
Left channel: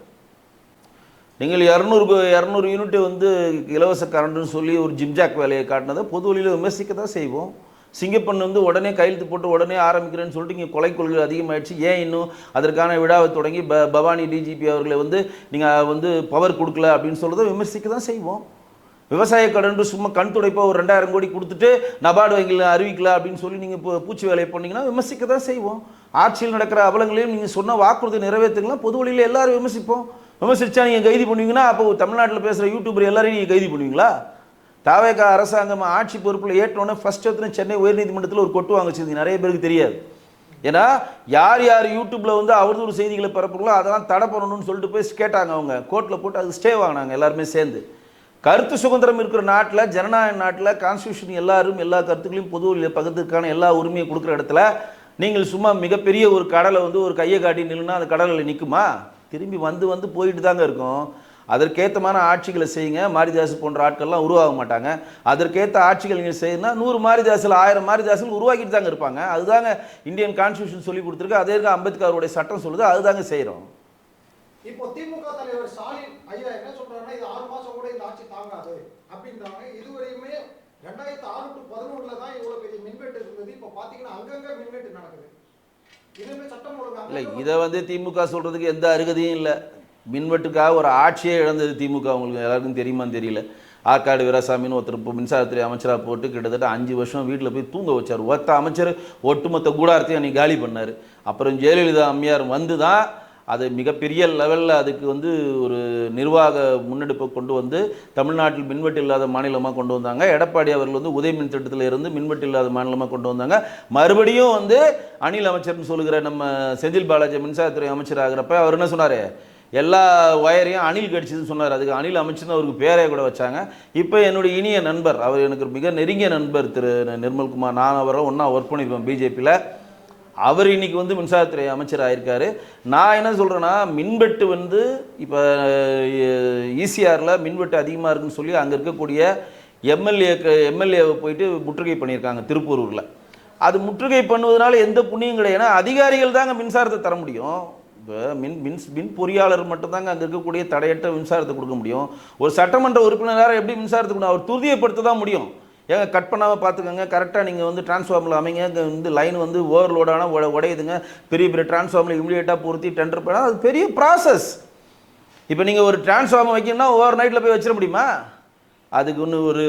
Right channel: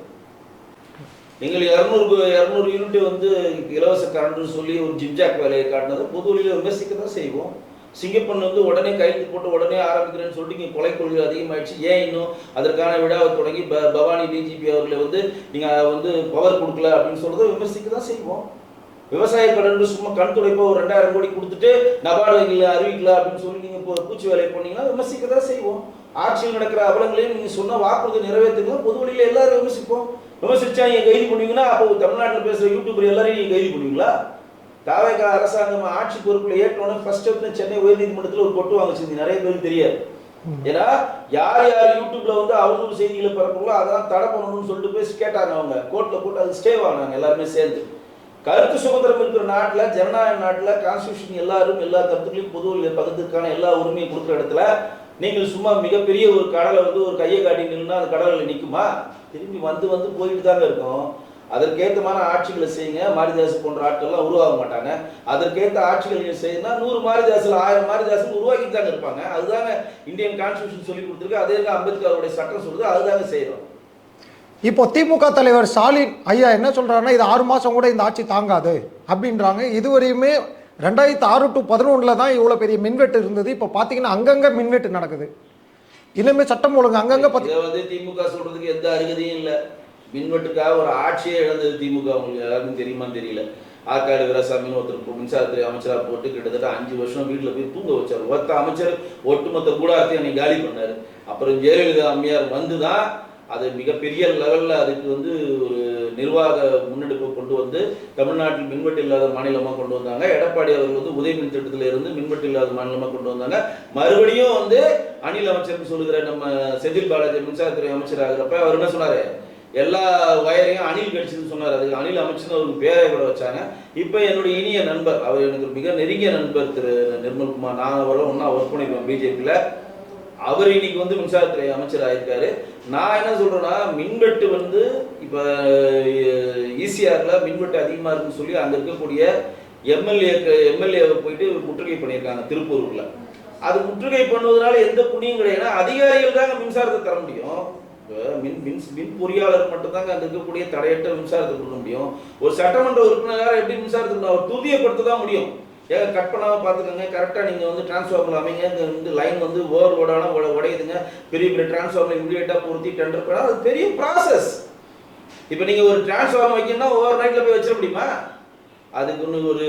நீங்கள் 200 யூனிட் வந்து இலவச கரண்ட்னு சொல்லி ஒரு ஜிப்ஜாக் வேலையை காட்டினதை பொது வழியில் விமர்சிக்க தான் செய்வோம். சிங்கப்பன் வந்து உடனே கையெழுத்து போட்டு உடனே ஆரம்பிக்கிறேன்னு சொல்லிட்டு இங்கே கொலை கொள்கை அதிகமாகிடுச்சு. ஏன் இன்னும் அதற்கான விழாவை தொடங்கி பவானி டிஜிபி அவர்களை வந்து நீங்கள் வந்து பவர் கொடுக்கல அப்படின்னு சொல்றதை விமர்சிக்க தான் செய்வோம். விவசாய கடன் சும்மா கண் துடைப்போ ஒரு 2000 கோடி கொடுத்துட்டு நபார்டு வங்கியில் அறிவிக்கல அப்படின்னு சொல்லி நீங்கள் பூச்சி வேலையை பண்ணீங்கன்னா விமர்சிக்க தான் செய்வோம். ஆட்சியில் நடக்கிற அவலங்களையும் நீங்கள் சொன்ன வாக்குறுதி நிறைவேற்றுங்களா பொது வழியில் எல்லாரும் விமர்சிப்போம். விமர்சிச்சா நீங்கள் கைது பண்ணுவீங்கன்னா அப்போ தமிழ்நாட்டில் பேசுகிற யூடியூபர் எல்லாரையும் நீங்கள் கைது பண்ணுவீங்களா? தாவேக அரசாங்கம் ஆட்சி பொறுப்பில் ஏற்றோன்னு ஃபர்ஸ்ட் எடுத்து சென்னை உயர்நீதிமன்றத்தில் ஒரு கொட்டு வாங்க செய்தி நிறைய பேருக்கு தெரியாது. ஏன்னா யார் யார் யூடியூப்ல வந்து அவதூறு செய்திகளை பரப்புங்களோ அதெல்லாம் தடை பண்ணணும்னு சொல்லிட்டு போய் கேட்டாங்க. அவங்க கோர்ட்டில் போட்டு அது ஸ்டே வாங்கினாங்க எல்லாருமே சேர்ந்து. கருத்து சுதந்திரம் இருக்கிற நாட்டில், ஜனநாயக நாட்டில், கான்ஸ்டியூஷன் எல்லாரும் எல்லா கருத்துக்களையும் பொது வழியில் பகிர்ந்துக்கான எல்லா உரிமையை கொடுக்குற இடத்துல நீங்கள் சும்மா மிகப்பெரிய ஒரு கடலை வந்து ஒரு கையை காட்டினீங்கன்னா அது கடலில் நிற்குமா? திரும்பி வந்து போயிட்டு தாங்க இருக்கும். அதற்கேற்றமான ஆட்சிகளை செய்யுங்க. மாரிதாஸ் போன்ற ஆட்கள்லாம் உருவாக மாட்டாங்க. அதற்கேற்ற ஆட்சிகள் நீங்கள் செய்யணும்னா 100 மாரிதாசில் 1000 மாரிதாசுகள் உருவாக்கிட்டு தாங்க இருப்பாங்க. அதுதாங்க இந்தியன் கான்ஸ்டியூஷன் சொல்லி கொடுத்துருக்கு. அதே அம்பேத்கருடைய சட்டம் சொல்லுது. அதுதாங்க செய்கிறோம். இப்போ திமுக தலைவர் ஸ்டாலின் ஐயா என்ன சொல்றாருன்னா, இது 6 மாசம் கூட இந்த ஆட்சி தாங்காது அப்படின்றாங்க. இதுவரையுமே 2006 to 2011 தான் இவ்வளவு பெரிய மின்வெட்டு இருந்தது. இப்போ பாத்தீங்கன்னா அங்கங்க மின்வெட்டு நடக்குது. இனிமே சட்டம் ஒழுங்கு அங்கங்க இதை வந்து திமுக சொல்றதுக்கு எந்த அருகதையும் இல்லை. மின்வெட்டுக்காக ஒரு ஆட்சியே இழந்தது திமுக. உங்களுக்கு எல்லாருக்கும் தெரியுமான்னு தெரியல. ஆற்காடு வீராசாமின்னு ஒருத்தர் மின்சாரத்துறை அமைச்சராக போட்டு கிட்டத்தட்ட 5 வருஷம் வீட்டில் போய் தூங்க வச்சார். ஒருத்த அமைச்சர் ஒட்டுமொத்த கூடாரத்தையும் அன்னைக்கு காலி பண்ணார். அப்புறம் ஜெயலலிதா அம்மையார் வந்து தான் அது மிகப்பெரிய லெவலில் அதுக்கு வந்து ஒரு நிர்வாக முன்னெடுப்பை கொண்டு வந்து தமிழ்நாட்டில் மின்வெட்டு இல்லாத மாநிலமாக கொண்டு வந்தாங்க. எடப்பாடி அவர்கள் வந்து உதய மின் திட்டத்தில் இருந்து மின்வெட்டு இல்லாத மாநிலமாக கொண்டு வந்தாங்க. மறுபடியும் வந்து அணில் அமைச்சர்னு சொல்லுகிற நம்ம செந்தில் பாலாஜி மின்சாரத்துறை அமைச்சராகிறப்ப அவர் என்ன சொன்னார், எல்லா வயரையும் அணில் கடிச்சதுன்னு சொன்னார். அதுக்கு அணில் அமைச்சர்னு அவருக்கு பேரை கூட வச்சாங்க. இப்போ என்னுடைய இனிய நண்பர், அவர் எனக்கு மிக நெருங்கிய நண்பர் திரு நிர்மல்குமார், நாங்கள் அவரை ஒன்றா ஒர்க் பண்ணியிருக்கோம் பிஜேபியில். அவர் இன்னைக்கு வந்து மின்சாரத்துறை அமைச்சர் ஆயிருக்காரு. நான் என்ன சொல்றேன்னா, மின்வெட்டு வந்து இப்போ ஈசிஆரில் மின்வெட்டு அதிகமாக இருக்குன்னு சொல்லி அங்கே இருக்கக்கூடிய எம்எல்ஏவை போயிட்டு முற்றுகை பண்ணியிருக்காங்க திருப்பூரூரில். அது முற்றுகை பண்ணுவதனால எந்த புண்ணியம் கிடையாது. அதிகாரிகள் தாங்க மின்சாரத்தை தர முடியும். மின் பொறியாளர் மட்டும்தாங்க அங்கே இருக்கக்கூடிய தடையற்ற மின்சாரத்தை கொடுக்க முடியும். ஒரு சட்டமன்ற உறுப்பினராக எப்படி மின்சாரத்தை அவர் துரிதப்படுத்த தான் முடியும். ஏங்க கட் பண்ணாமல் பார்த்துக்கோங்க, கரெக்டாக நீங்கள் வந்து டிரான்ஸ்ஃபார்மரில் அமைங்க. வந்து லைன் வந்து ஓவர்லோடான உடையுதுங்க, பெரிய பெரிய டிரான்ஸ்ஃபார்மர் இமீடியட்டாக பொருத்தி டெண்டர் பண்ணால் அது பெரிய ப்ராசஸ். இப்போ நீங்கள் ஒரு டிரான்ஸ்ஃபார்மர் வைக்கணும்னா ஓவர் நைட்டில் போய் வச்சிட முடியுமா? அதுக்கு ஒன்று ஒரு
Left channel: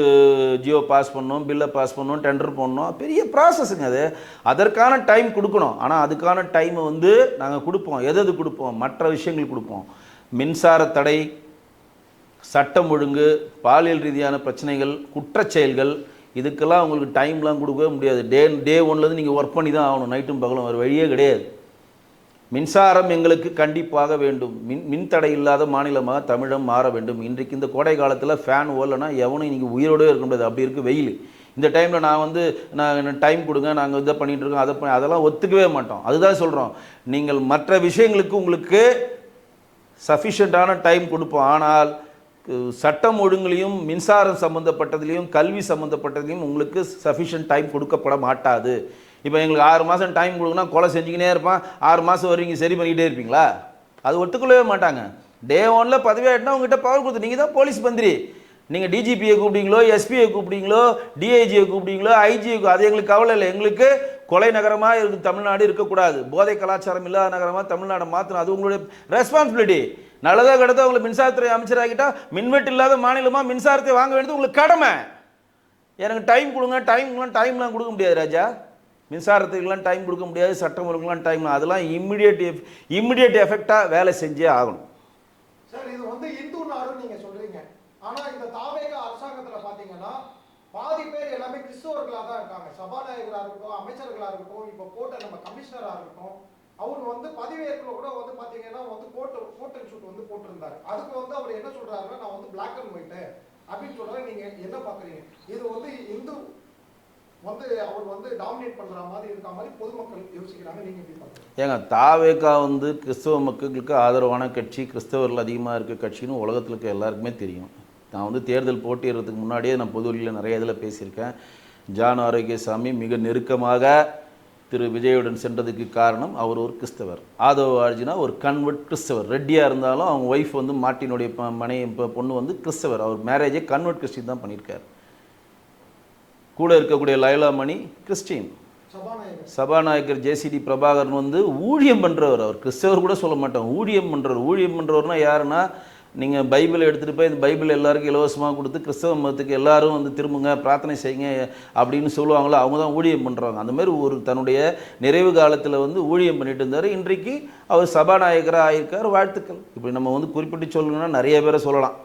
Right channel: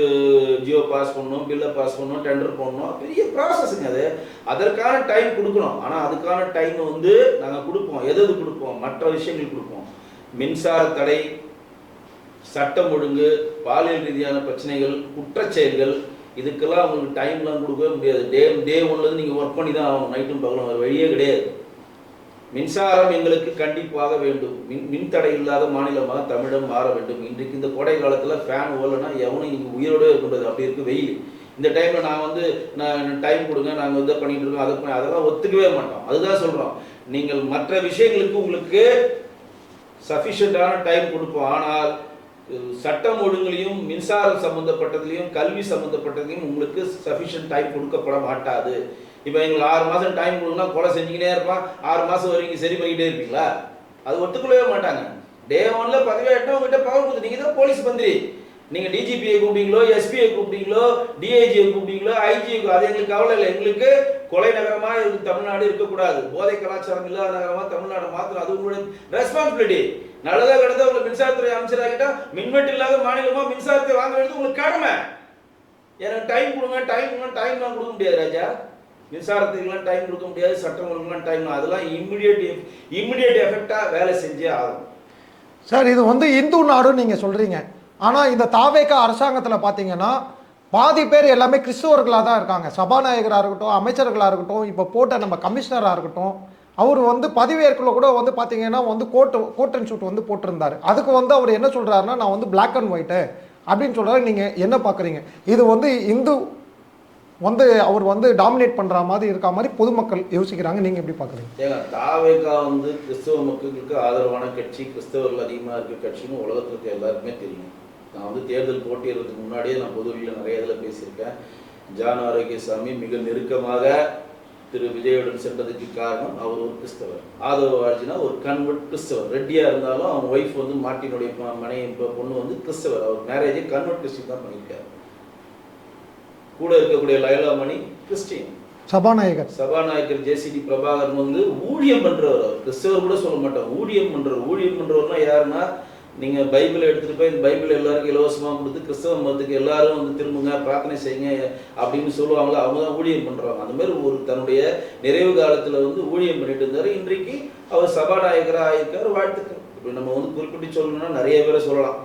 ஜியோ பாஸ் பண்ணணும், பில்லை பாஸ் பண்ணணும், டெண்டர் பண்ணணும், பெரிய ப்ராசஸுங்க அது. அதற்கான டைம் கொடுக்கணும். ஆனால் அதுக்கான டைமை வந்து நாங்கள் கொடுப்போம். எது கொடுப்போம்? மற்ற விஷயங்கள் கொடுப்போம். மின்சார தடை, சட்டம் ஒழுங்கு, பாலியல் ரீதியான பிரச்சனைகள், குற்றச்செயல்கள், இதுக்கெல்லாம் உங்களுக்கு டைம்லாம் கொடுக்கவே முடியாது. டே ஒன்லேருந்து நீங்கள் ஒர்க் பண்ணி தான் ஆகணும். நைட்டும் பகலும் வேறு வழியே கிடையாது. மின்சாரம் எங்களுக்கு கண்டிப்பாக வேண்டும். மின்தடை இல்லாத மாநிலமாக தமிழகம் மாற வேண்டும். இன்றைக்கு இந்த கோடை காலத்தில் ஃபேன் ஓடலைன்னா எவனும் நீங்கள் உயிரோடு இருக்க முடியாது. அப்படி இருக்குது வெயில். இந்த டைமில் நான் டைம் கொடுங்க, நாங்கள் இதை பண்ணிகிட்டு இருக்கோம், அதெல்லாம் ஒத்துக்கவே மாட்டோம். அதுதான் சொல்கிறோம். நீங்கள் மற்ற விஷயங்களுக்கு உங்களுக்கு சஃபிஷியண்டான டைம் கொடுப்போம். ஆனால் சட்டம் ஒழுங்குலையும் மின்சாரம் சம்மந்தப்பட்டதுலையும் கல்வி சம்மந்தப்பட்டதுலையும் உங்களுக்கு சஃபிஷியன்ட் டைம் கொடுக்கப்பட மாட்டாது. இப்போ எங்களுக்கு 6 மாதம் டைம் கொடுங்கன்னா கொலை செஞ்சுக்கினே இருப்பான். 6 மாதம் வரைக்கும் சரி பண்ணிக்கிட்டே இருப்பீங்களா? அது ஒத்துக்கொள்ளவே மாட்டாங்க. டே 1ல் பதவியாயிட்டுனா உங்ககிட்ட பவர் கொடுத்து நீங்கள் தான் போலீஸ் மந்திரி. நீங்கள் டிஜிபியை கூப்பிட்டீங்களோ, எஸ்பியை கூப்பிட்டீங்களோ, டிஐஜியை கூப்பிட்டீங்களோ, ஐஜியை, அது எங்களுக்கு கவலை இல்லை. எங்களுக்கு கொலை நகரமாக இருக்கு தமிழ்நாடு இருக்கக்கூடாது. போதை கலாச்சாரம் இல்லாத நகரமாக தமிழ்நாடு மாற்றணும். அது உங்களுடைய ரெஸ்பான்சிபிலிட்டி. நல்லதோ கிடத்தோ உங்களை மின்சாரத்துறை அமைச்சராகிட்டா மின்வெட்டு இல்லாத மாநிலமாக மின்சாரத்தை வாங்க வேண்டியது உங்களுக்கு கடமை. எனக்கு டைம் கொடுங்க, டைம்லாம் கொடுக்க முடியாது ராஜா. மின்சாரத்துக்குலாம் டைம் கொடுக்க முடியாது, சட்டம் ஒழுங்குலாம் டைம், அதெல்லாம் இம்மிடியேட் எஃபெக்டாக வேலை செஞ்சே ஆகும். சார், இது வந்து இந்து நாடுன்னு நீங்கள் சொல்கிறீங்க. ஆனால் இந்த தாவேக அரசாங்கத்தில் பார்த்தீங்கன்னா பாதி பேர் எல்லாமே கிறிஸ்துவர்களாக தான் இருக்காங்க. சபாநாயகராக இருக்கட்டும், அமைச்சர்களாக இருக்கட்டும், இப்போ போட்ட நம்ம கமிஷனராக இருக்கட்டும், அவர் வந்து பதவியேற்குள்ள கூட வந்து பார்த்தீங்கன்னா வந்து கோட் அண்ட் ஷூட் வந்து போட்டிருந்தார். அதுக்கு வந்து அவர் என்ன சொல்கிறாருன்னா, நான் வந்து பிளாக் அண்ட் ஒயிட்டு அப்படின்னு சொல்றாரு. நீங்க என்ன பாக்குறீங்க? இது வந்து இந்து வந்து அவர் வந்து டாமினேட் பண்ற மாதிரி இருக்க மாதிரி பொதுமக்கள் யோசிக்கிறாங்க. நீங்க எப்படி பாக்குறீங்க? ஏங்க தாவேகா வந்து கிறிஸ்தவ மக்களுக்கு ஆதரவான கட்சி, கிறிஸ்தவர்கள் அதிகமாக இருக்க கட்சின்னு உலகத்தில் இருக்க எல்லாருக்குமே தெரியும். நான் வந்து தேர்தல் போட்டியிடுறதுக்கு முன்னாடியே நான் பொதுவெளியில் நிறைய இதில் பேசியிருக்கேன். ஜான் ஆரோக்கியசாமி மிக நெருக்கமாக திரு விஜயுடன் சென்றதுக்கு காரணம் அவர் ஒரு கிறிஸ்தவர். ஆதவ ஆர்ஜினா ஒரு கன்வெர்ட் கிறிஸ்தவர். ரெட்டியாக இருந்தாலும் அவங்க ஒய்ஃப் வந்து மார்ட்டினுடைய பொண்ணு வந்து கிறிஸ்தவர். அவர் மேரேஜே கன்வெர்ட் கிறிஸ்டின் தான் பண்ணியிருக்காரு. கூட இருக்கக்கூடிய லைலா மணி கிறிஸ்டின். சபாநாயகர் ஜேசிடி பிரபாகரன் வந்து ஊழியம் பண்றவர். அவர் கிறிஸ்தவர் கூட சொல்ல மாட்டோம், ஊழியம் பண்றவர். ஊழியம் பண்றவர்னா யாருன்னா, நீங்க பைபிளை எடுத்துட்டு போய் இந்த பைபிள் எல்லாருக்கும் இலவசமாக கொடுத்து கிறிஸ்தவ மதத்துக்கு எல்லாரும் வந்து திரும்புங்க, பிரார்த்தனை செய்யுங்க அப்படின்னு சொல்லுவாங்களோ அவங்க தான் ஊழியம் பண்றவங்க. அந்த மாதிரி ஒரு தன்னுடைய நிறைவு காலத்துல வந்து ஊழியம் பண்ணிட்டு இருந்தாரு. இன்றைக்கு அவர் சபாநாயகராக ஆயிருக்கார். வாழ்த்துக்கள். இப்படி நம்ம வந்து குறிப்பிட்டு சொல்லணும்னா நிறைய பேரை சொல்லலாம்.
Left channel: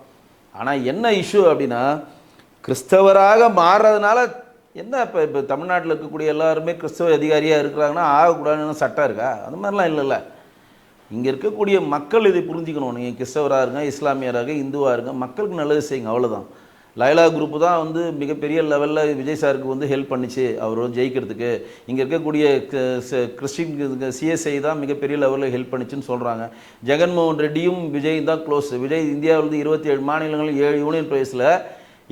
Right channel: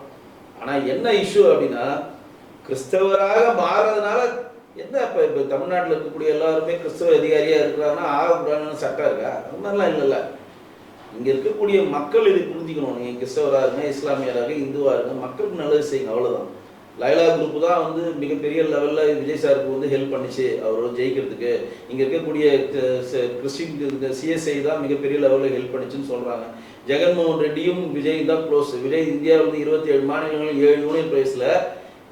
ஆனா என்ன இஷ்யூ அப்படின்னா, கிறிஸ்தவராக மாறுறதுனால என்ன இப்போ தமிழ்நாட்டில் இருக்கக்கூடிய எல்லாருமே கிறிஸ்தவ அதிகாரியாக இருக்கிறாங்கன்னா ஆகக்கூடாதுன்னு சட்டம் இருக்கா? அந்த மாதிரிலாம் இல்லைல்ல. இங்கே இருக்கக்கூடிய மக்கள் இதை புரிஞ்சுக்கணும். நீங்கள் கிறிஸ்தவராக இருங்க, இஸ்லாமியராக, இந்துவாக இருங்க, மக்களுக்கு நல்லது செய்யுங்க, அவ்வளோதான். லைலா குரூப் தான் வந்து மிகப்பெரிய லெவலில் விஜய் சாருக்கு வந்து ஹெல்ப் பண்ணிச்சு அவர் வந்து ஜெயிக்கிறதுக்கு. இங்கே இருக்கக்கூடிய கிறிஸ்டின் சிஎஸ்ஐ தான் மிகப்பெரிய லெவலில் ஹெல்ப் பண்ணிச்சுன்னு சொல்கிறாங்க. ஜெகன்மோகன் ரெட்டியும் விஜய் தான் க்ளோஸ். விஜய் இந்தியாவில் 27 மாநிலங்கள் 7 யூனியன் பிரதேசில்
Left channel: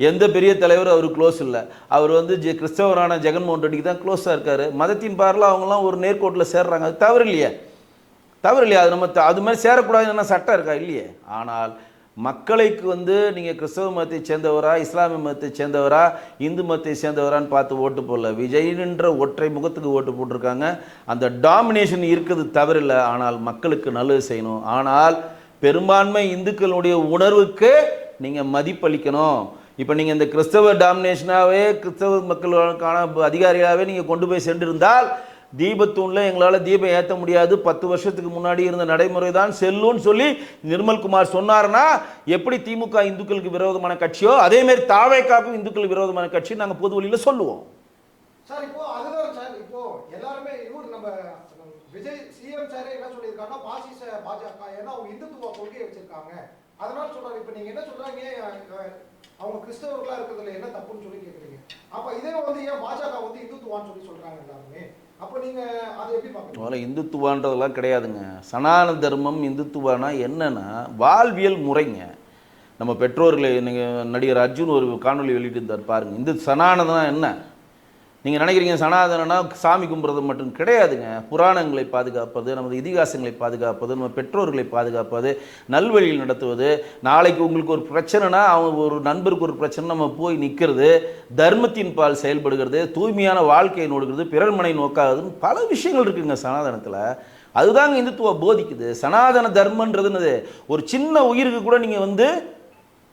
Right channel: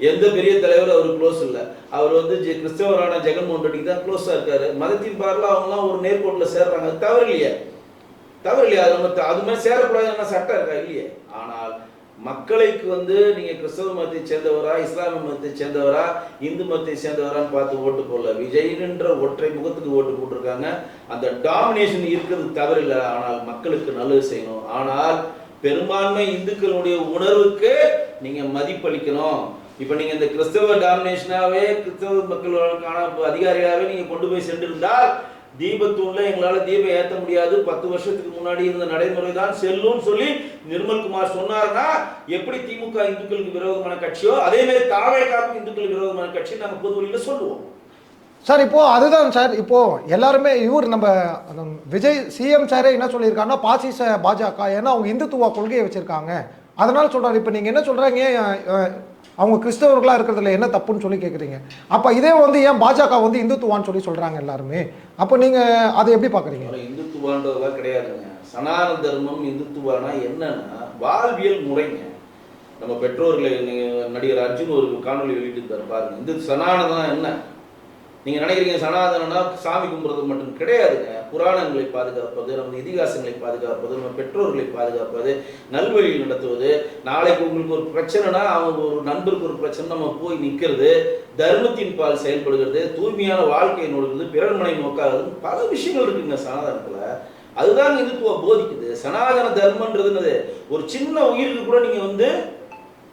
எந்த பெரிய தலைவர் அவர் க்ளோஸ் இல்லை. அவர் வந்து கிறிஸ்தவரான ஜெகன்மோகன் ரெட்டிக்கு தான் க்ளோஸாக இருக்காரு. மதத்தின் பார்ல அவங்களாம் ஒரு நேர்கோட்டில் சேர்றாங்க. அது தவறு இல்லையே, தவறு இல்லையா? அது நம்ம அது மாதிரி சேரக்கூடாதுன்னா சட்டம் இருக்கா? இல்லையே. ஆனால் மக்களுக்கு வந்து நீங்கள் கிறிஸ்தவ மதத்தை சேர்ந்தவரா, இஸ்லாமிய மதத்தை சேர்ந்தவரா, இந்து மதத்தை சேர்ந்தவரான்னு பார்த்து ஓட்டு போடல. விஜய்ன்ற ஒற்றை முகத்துக்கு ஓட்டு போட்டிருக்காங்க. அந்த டாமினேஷன் இருக்கிறது தவறில்லை. ஆனால் மக்களுக்கு நல்லது செய்யணும். ஆனால் பெரும்பான்மை இந்துக்களுடைய உணர்வுக்கு நீங்கள் மதிப்பளிக்கணும். இப்போ நீங்கள் இந்த கிறிஸ்தவ டாமினேஷனாகவே கிறிஸ்தவ மக்களுக்கான அதிகாரியாகவே நீங்கள் கொண்டு போய் சென்றிருந்தால் தீபத்தூணில் எங்களால் தீபம் ஏற்ற முடியாது, 10 வருஷத்துக்கு முன்னாடி இருந்த நடைமுறை தான் செல்லும்னு சொல்லி நிர்மல்குமார் சொன்னார்னா, எப்படி திமுக இந்துக்களுக்கு விரோதமான கட்சியோ அதேமாதிரி தாவேகாக்கும் இந்துக்களுக்கு விரோதமான கட்சி நாங்கள் பொது வழியில் சொல்லுவோம். சார் இப்போ அதுதான் சார், இப்போ எல்லாருமே இவர் நம்ம விஜய் சிஎம் சாரே என்ன சொல்லியிருக்காங்கன்னா பாசிச பாஜக, ஏன்னா அவங்க இந்துத்துவ கொள்கையை வச்சிருக்காங்க, அதனால சொல்றாரு. இப்போ நீங்க என்ன சொல்றாங்க, அவங்க கிறிஸ்தவர்களா இருக்கிறதுல என்ன தப்புன்னு சொல்லி கேட்குறீங்க. அப்போ இதே வந்து ஏன் பாஜக வந்து இந்துத்துவான்னு சொல்லி சொல்றாங்க எல்லாருமே? அப்போ நீங்க அதை எப்படி பார்க்குறீங்க? இந்துத்துவான்றதெல்லாம் கிடையாதுங்க. சனாதன தர்மம் இந்துத்துவானா என்னன்னா வாழ்வியல் முறைங்க. நம்ம பெற்றோர்களை நடிகர் அர்ஜுன் ஒரு காணொலி வெளியிட்டு இருந்தார் பாருங்க. இந்த சனாதனம் என்ன நீங்கள் நினைக்கிறீங்க? சனாதனனா சாமி கும்பிட்றது மட்டும் கிடையாதுங்க. புராணங்களை பாதுகாப்பது, நமது இதிகாசங்களை பாதுகாப்பது, நம்ம பெற்றோர்களை பாதுகாப்பது, நல்வழியில் நடத்துவது. நாளைக்கு உங்களுக்கு ஒரு பிரச்சனைனா அவங்க ஒரு நண்பருக்கு ஒரு பிரச்சனை நம்ம போய் நிற்கிறது, தர்மத்தின் பால் செயல்படுகிறது, தூய்மையான வாழ்க்கையை நோடுகிறது, பிறர்மனை நோக்காதது, பல விஷயங்கள் இருக்குங்க சனாதனத்தில். அதுதாங்க இந்துத்துவம் போதிக்குது. சனாதன தர்மன்றது ஒரு சின்ன உயிருக்கு கூட நீங்கள் வந்து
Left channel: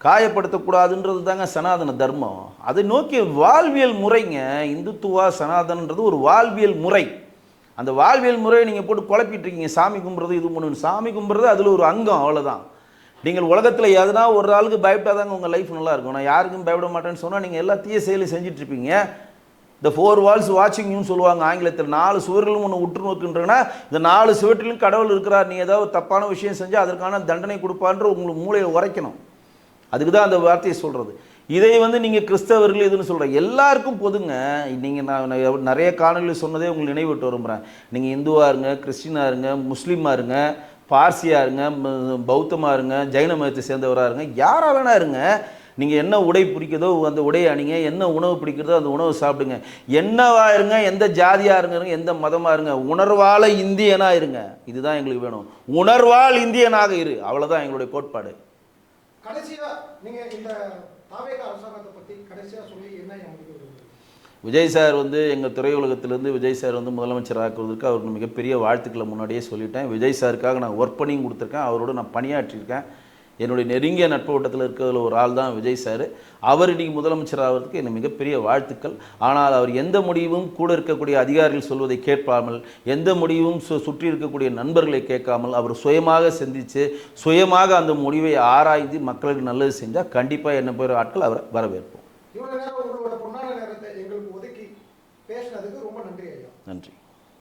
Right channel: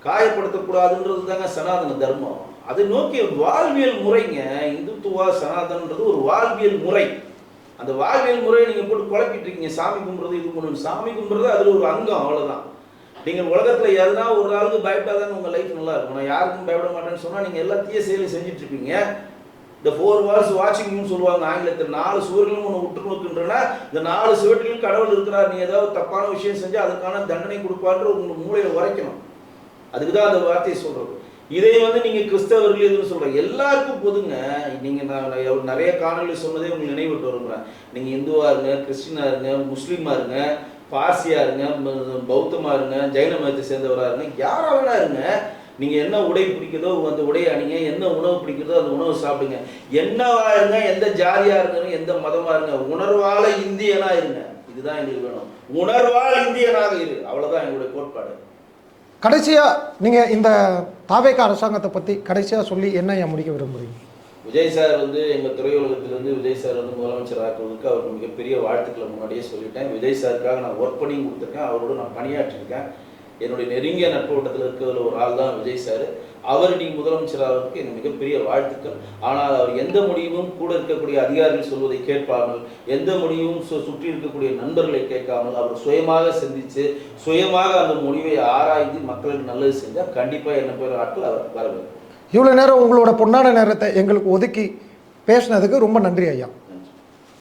காயப்படுத்தக்கூடாதுன்றது தாங்க சனாதன தர்மம். அதை நோக்கி வாழ்வியல் முறைங்க. இந்துத்துவா சனாதனன்றது ஒரு வாழ்வியல் முறை. அந்த வாழ்வியல் முறையை நீங்கள் போட்டு குழப்பிட்டு இருக்கீங்க. சாமி கும்பிட்றது இது பண்ணணும், சாமி கும்பிட்றது அதில் ஒரு அங்கம், அவ்வளோதான். நீங்கள் உலகத்தில் எதுனா ஒரு ஆளுக்கு பயப்படாதாங்க உங்கள் லைஃப் நல்லா இருக்கும். நான் யாருக்கும் பயப்பட மாட்டேன்னு சொன்னால் நீங்கள் எல்லா தீய செயலும் செஞ்சுட்டு இருப்பீங்க. இந்த 4 walls watching you சொல்லுவாங்க ஆங்கிலத்தில். 4 சுவர்களும் ஒன்று உற்று நோக்குன்றனா இந்த 4 சுவற்றிலும் கடவுள் இருக்கிறார். நீ ஏதாவது தப்பான விஷயம் செஞ்சால் அதற்கான தண்டனை கொடுப்பான்ற உங்களுக்கு மூளையை உரைக்கணும். அதுக்கு தான் அந்த வார்த்தையை சொல்கிறது. இதை வந்து நீங்கள் கிறிஸ்தவர்கள் எதுன்னு சொல்கிறேன், எல்லாருக்கும் பொதுங்க. நீங்கள் நான் நிறைய காணொலியில் சொன்னதே உங்களுக்கு நினைவிட்டு விரும்புகிறேன். நீங்கள் இந்துவாக இருங்க, கிறிஸ்டினாக இருங்க, முஸ்லீமாக இருங்க, பார்சியாக இருங்க, பௌத்தமாக இருங்க, ஜெயின மதத்தை சேர்ந்தவராக இருங்க, யாராக வேணா இருங்க. நீங்கள் என்ன உடை பிடிக்கிறதோ அந்த உடையை அணிங்க, என்ன உணவு பிடிக்கிறதோ அந்த உணவு சாப்பிடுங்க, என்னவா இருங்க, எந்த ஜாதியாக இருங்க, எந்த மதமாக இருங்க, உணர்வால இந்தியனாக இருங்க. இதுதான் எங்களுக்கு வேணும். உணர்வால் இந்தியனாக இரு, அவ்வளோதான் எங்களுடைய கோட்பாடு. கடைசியாக நீங்கள் இந்த தாவேகா அரசாங்கத்தை பற்றி கடைசியாக சொல்லி என்ன முடிக்க விரும்புகிறீங்க? விஜய் சார் வந்து எங்கள் திரையுலகத்திலேருந்து விஜய் சார் வந்து முதலமைச்சர் ஆக்குவதற்கு அவருக்கு மிகப்பெரிய வாழ்த்துக்களை முன்னாடியே சொல்லிட்டேன். விஜய் சாருக்காக நான் ஒர்க் பண்ணியும் கொடுத்துருக்கேன், அவரோட நான் பணியாற்றிருக்கேன். என்னுடைய நெருங்கிய நட்பு வட்டத்தில் இருக்கிறதுல ஒரு ஆள் தான் விஜய் சார். அவர் இன்னைக்கு முதலமைச்சர் ஆகிறதுக்கு எனக்கு மிகப்பெரிய வாழ்த்துக்கள். ஆனால் அவர் எந்த முடிவும் கூட இருக்கக்கூடிய அதிகாரிகள் சொல்வதை கேட்பாமல், எந்த முடிவும் சுற்றி இருக்கக்கூடிய நண்பர்களை கேட்காமல் அவர் சுயமாக சிந்தித்து சுயமாக அந்த முடிவை ஆராய்ந்து மக்களுக்கு நல்லது செஞ்சால் கண்டிப்பாக என்ன பேர் ஆட்கள் அவர் வரவேற்போம். இவ்வளோ நேரம் உங்களோட பொன்னான நேரத்தை எங்களுக்கு ஒதுக்கி பேசினதுக்கு ரொம்ப நன்றி ஐயா. நன்றி.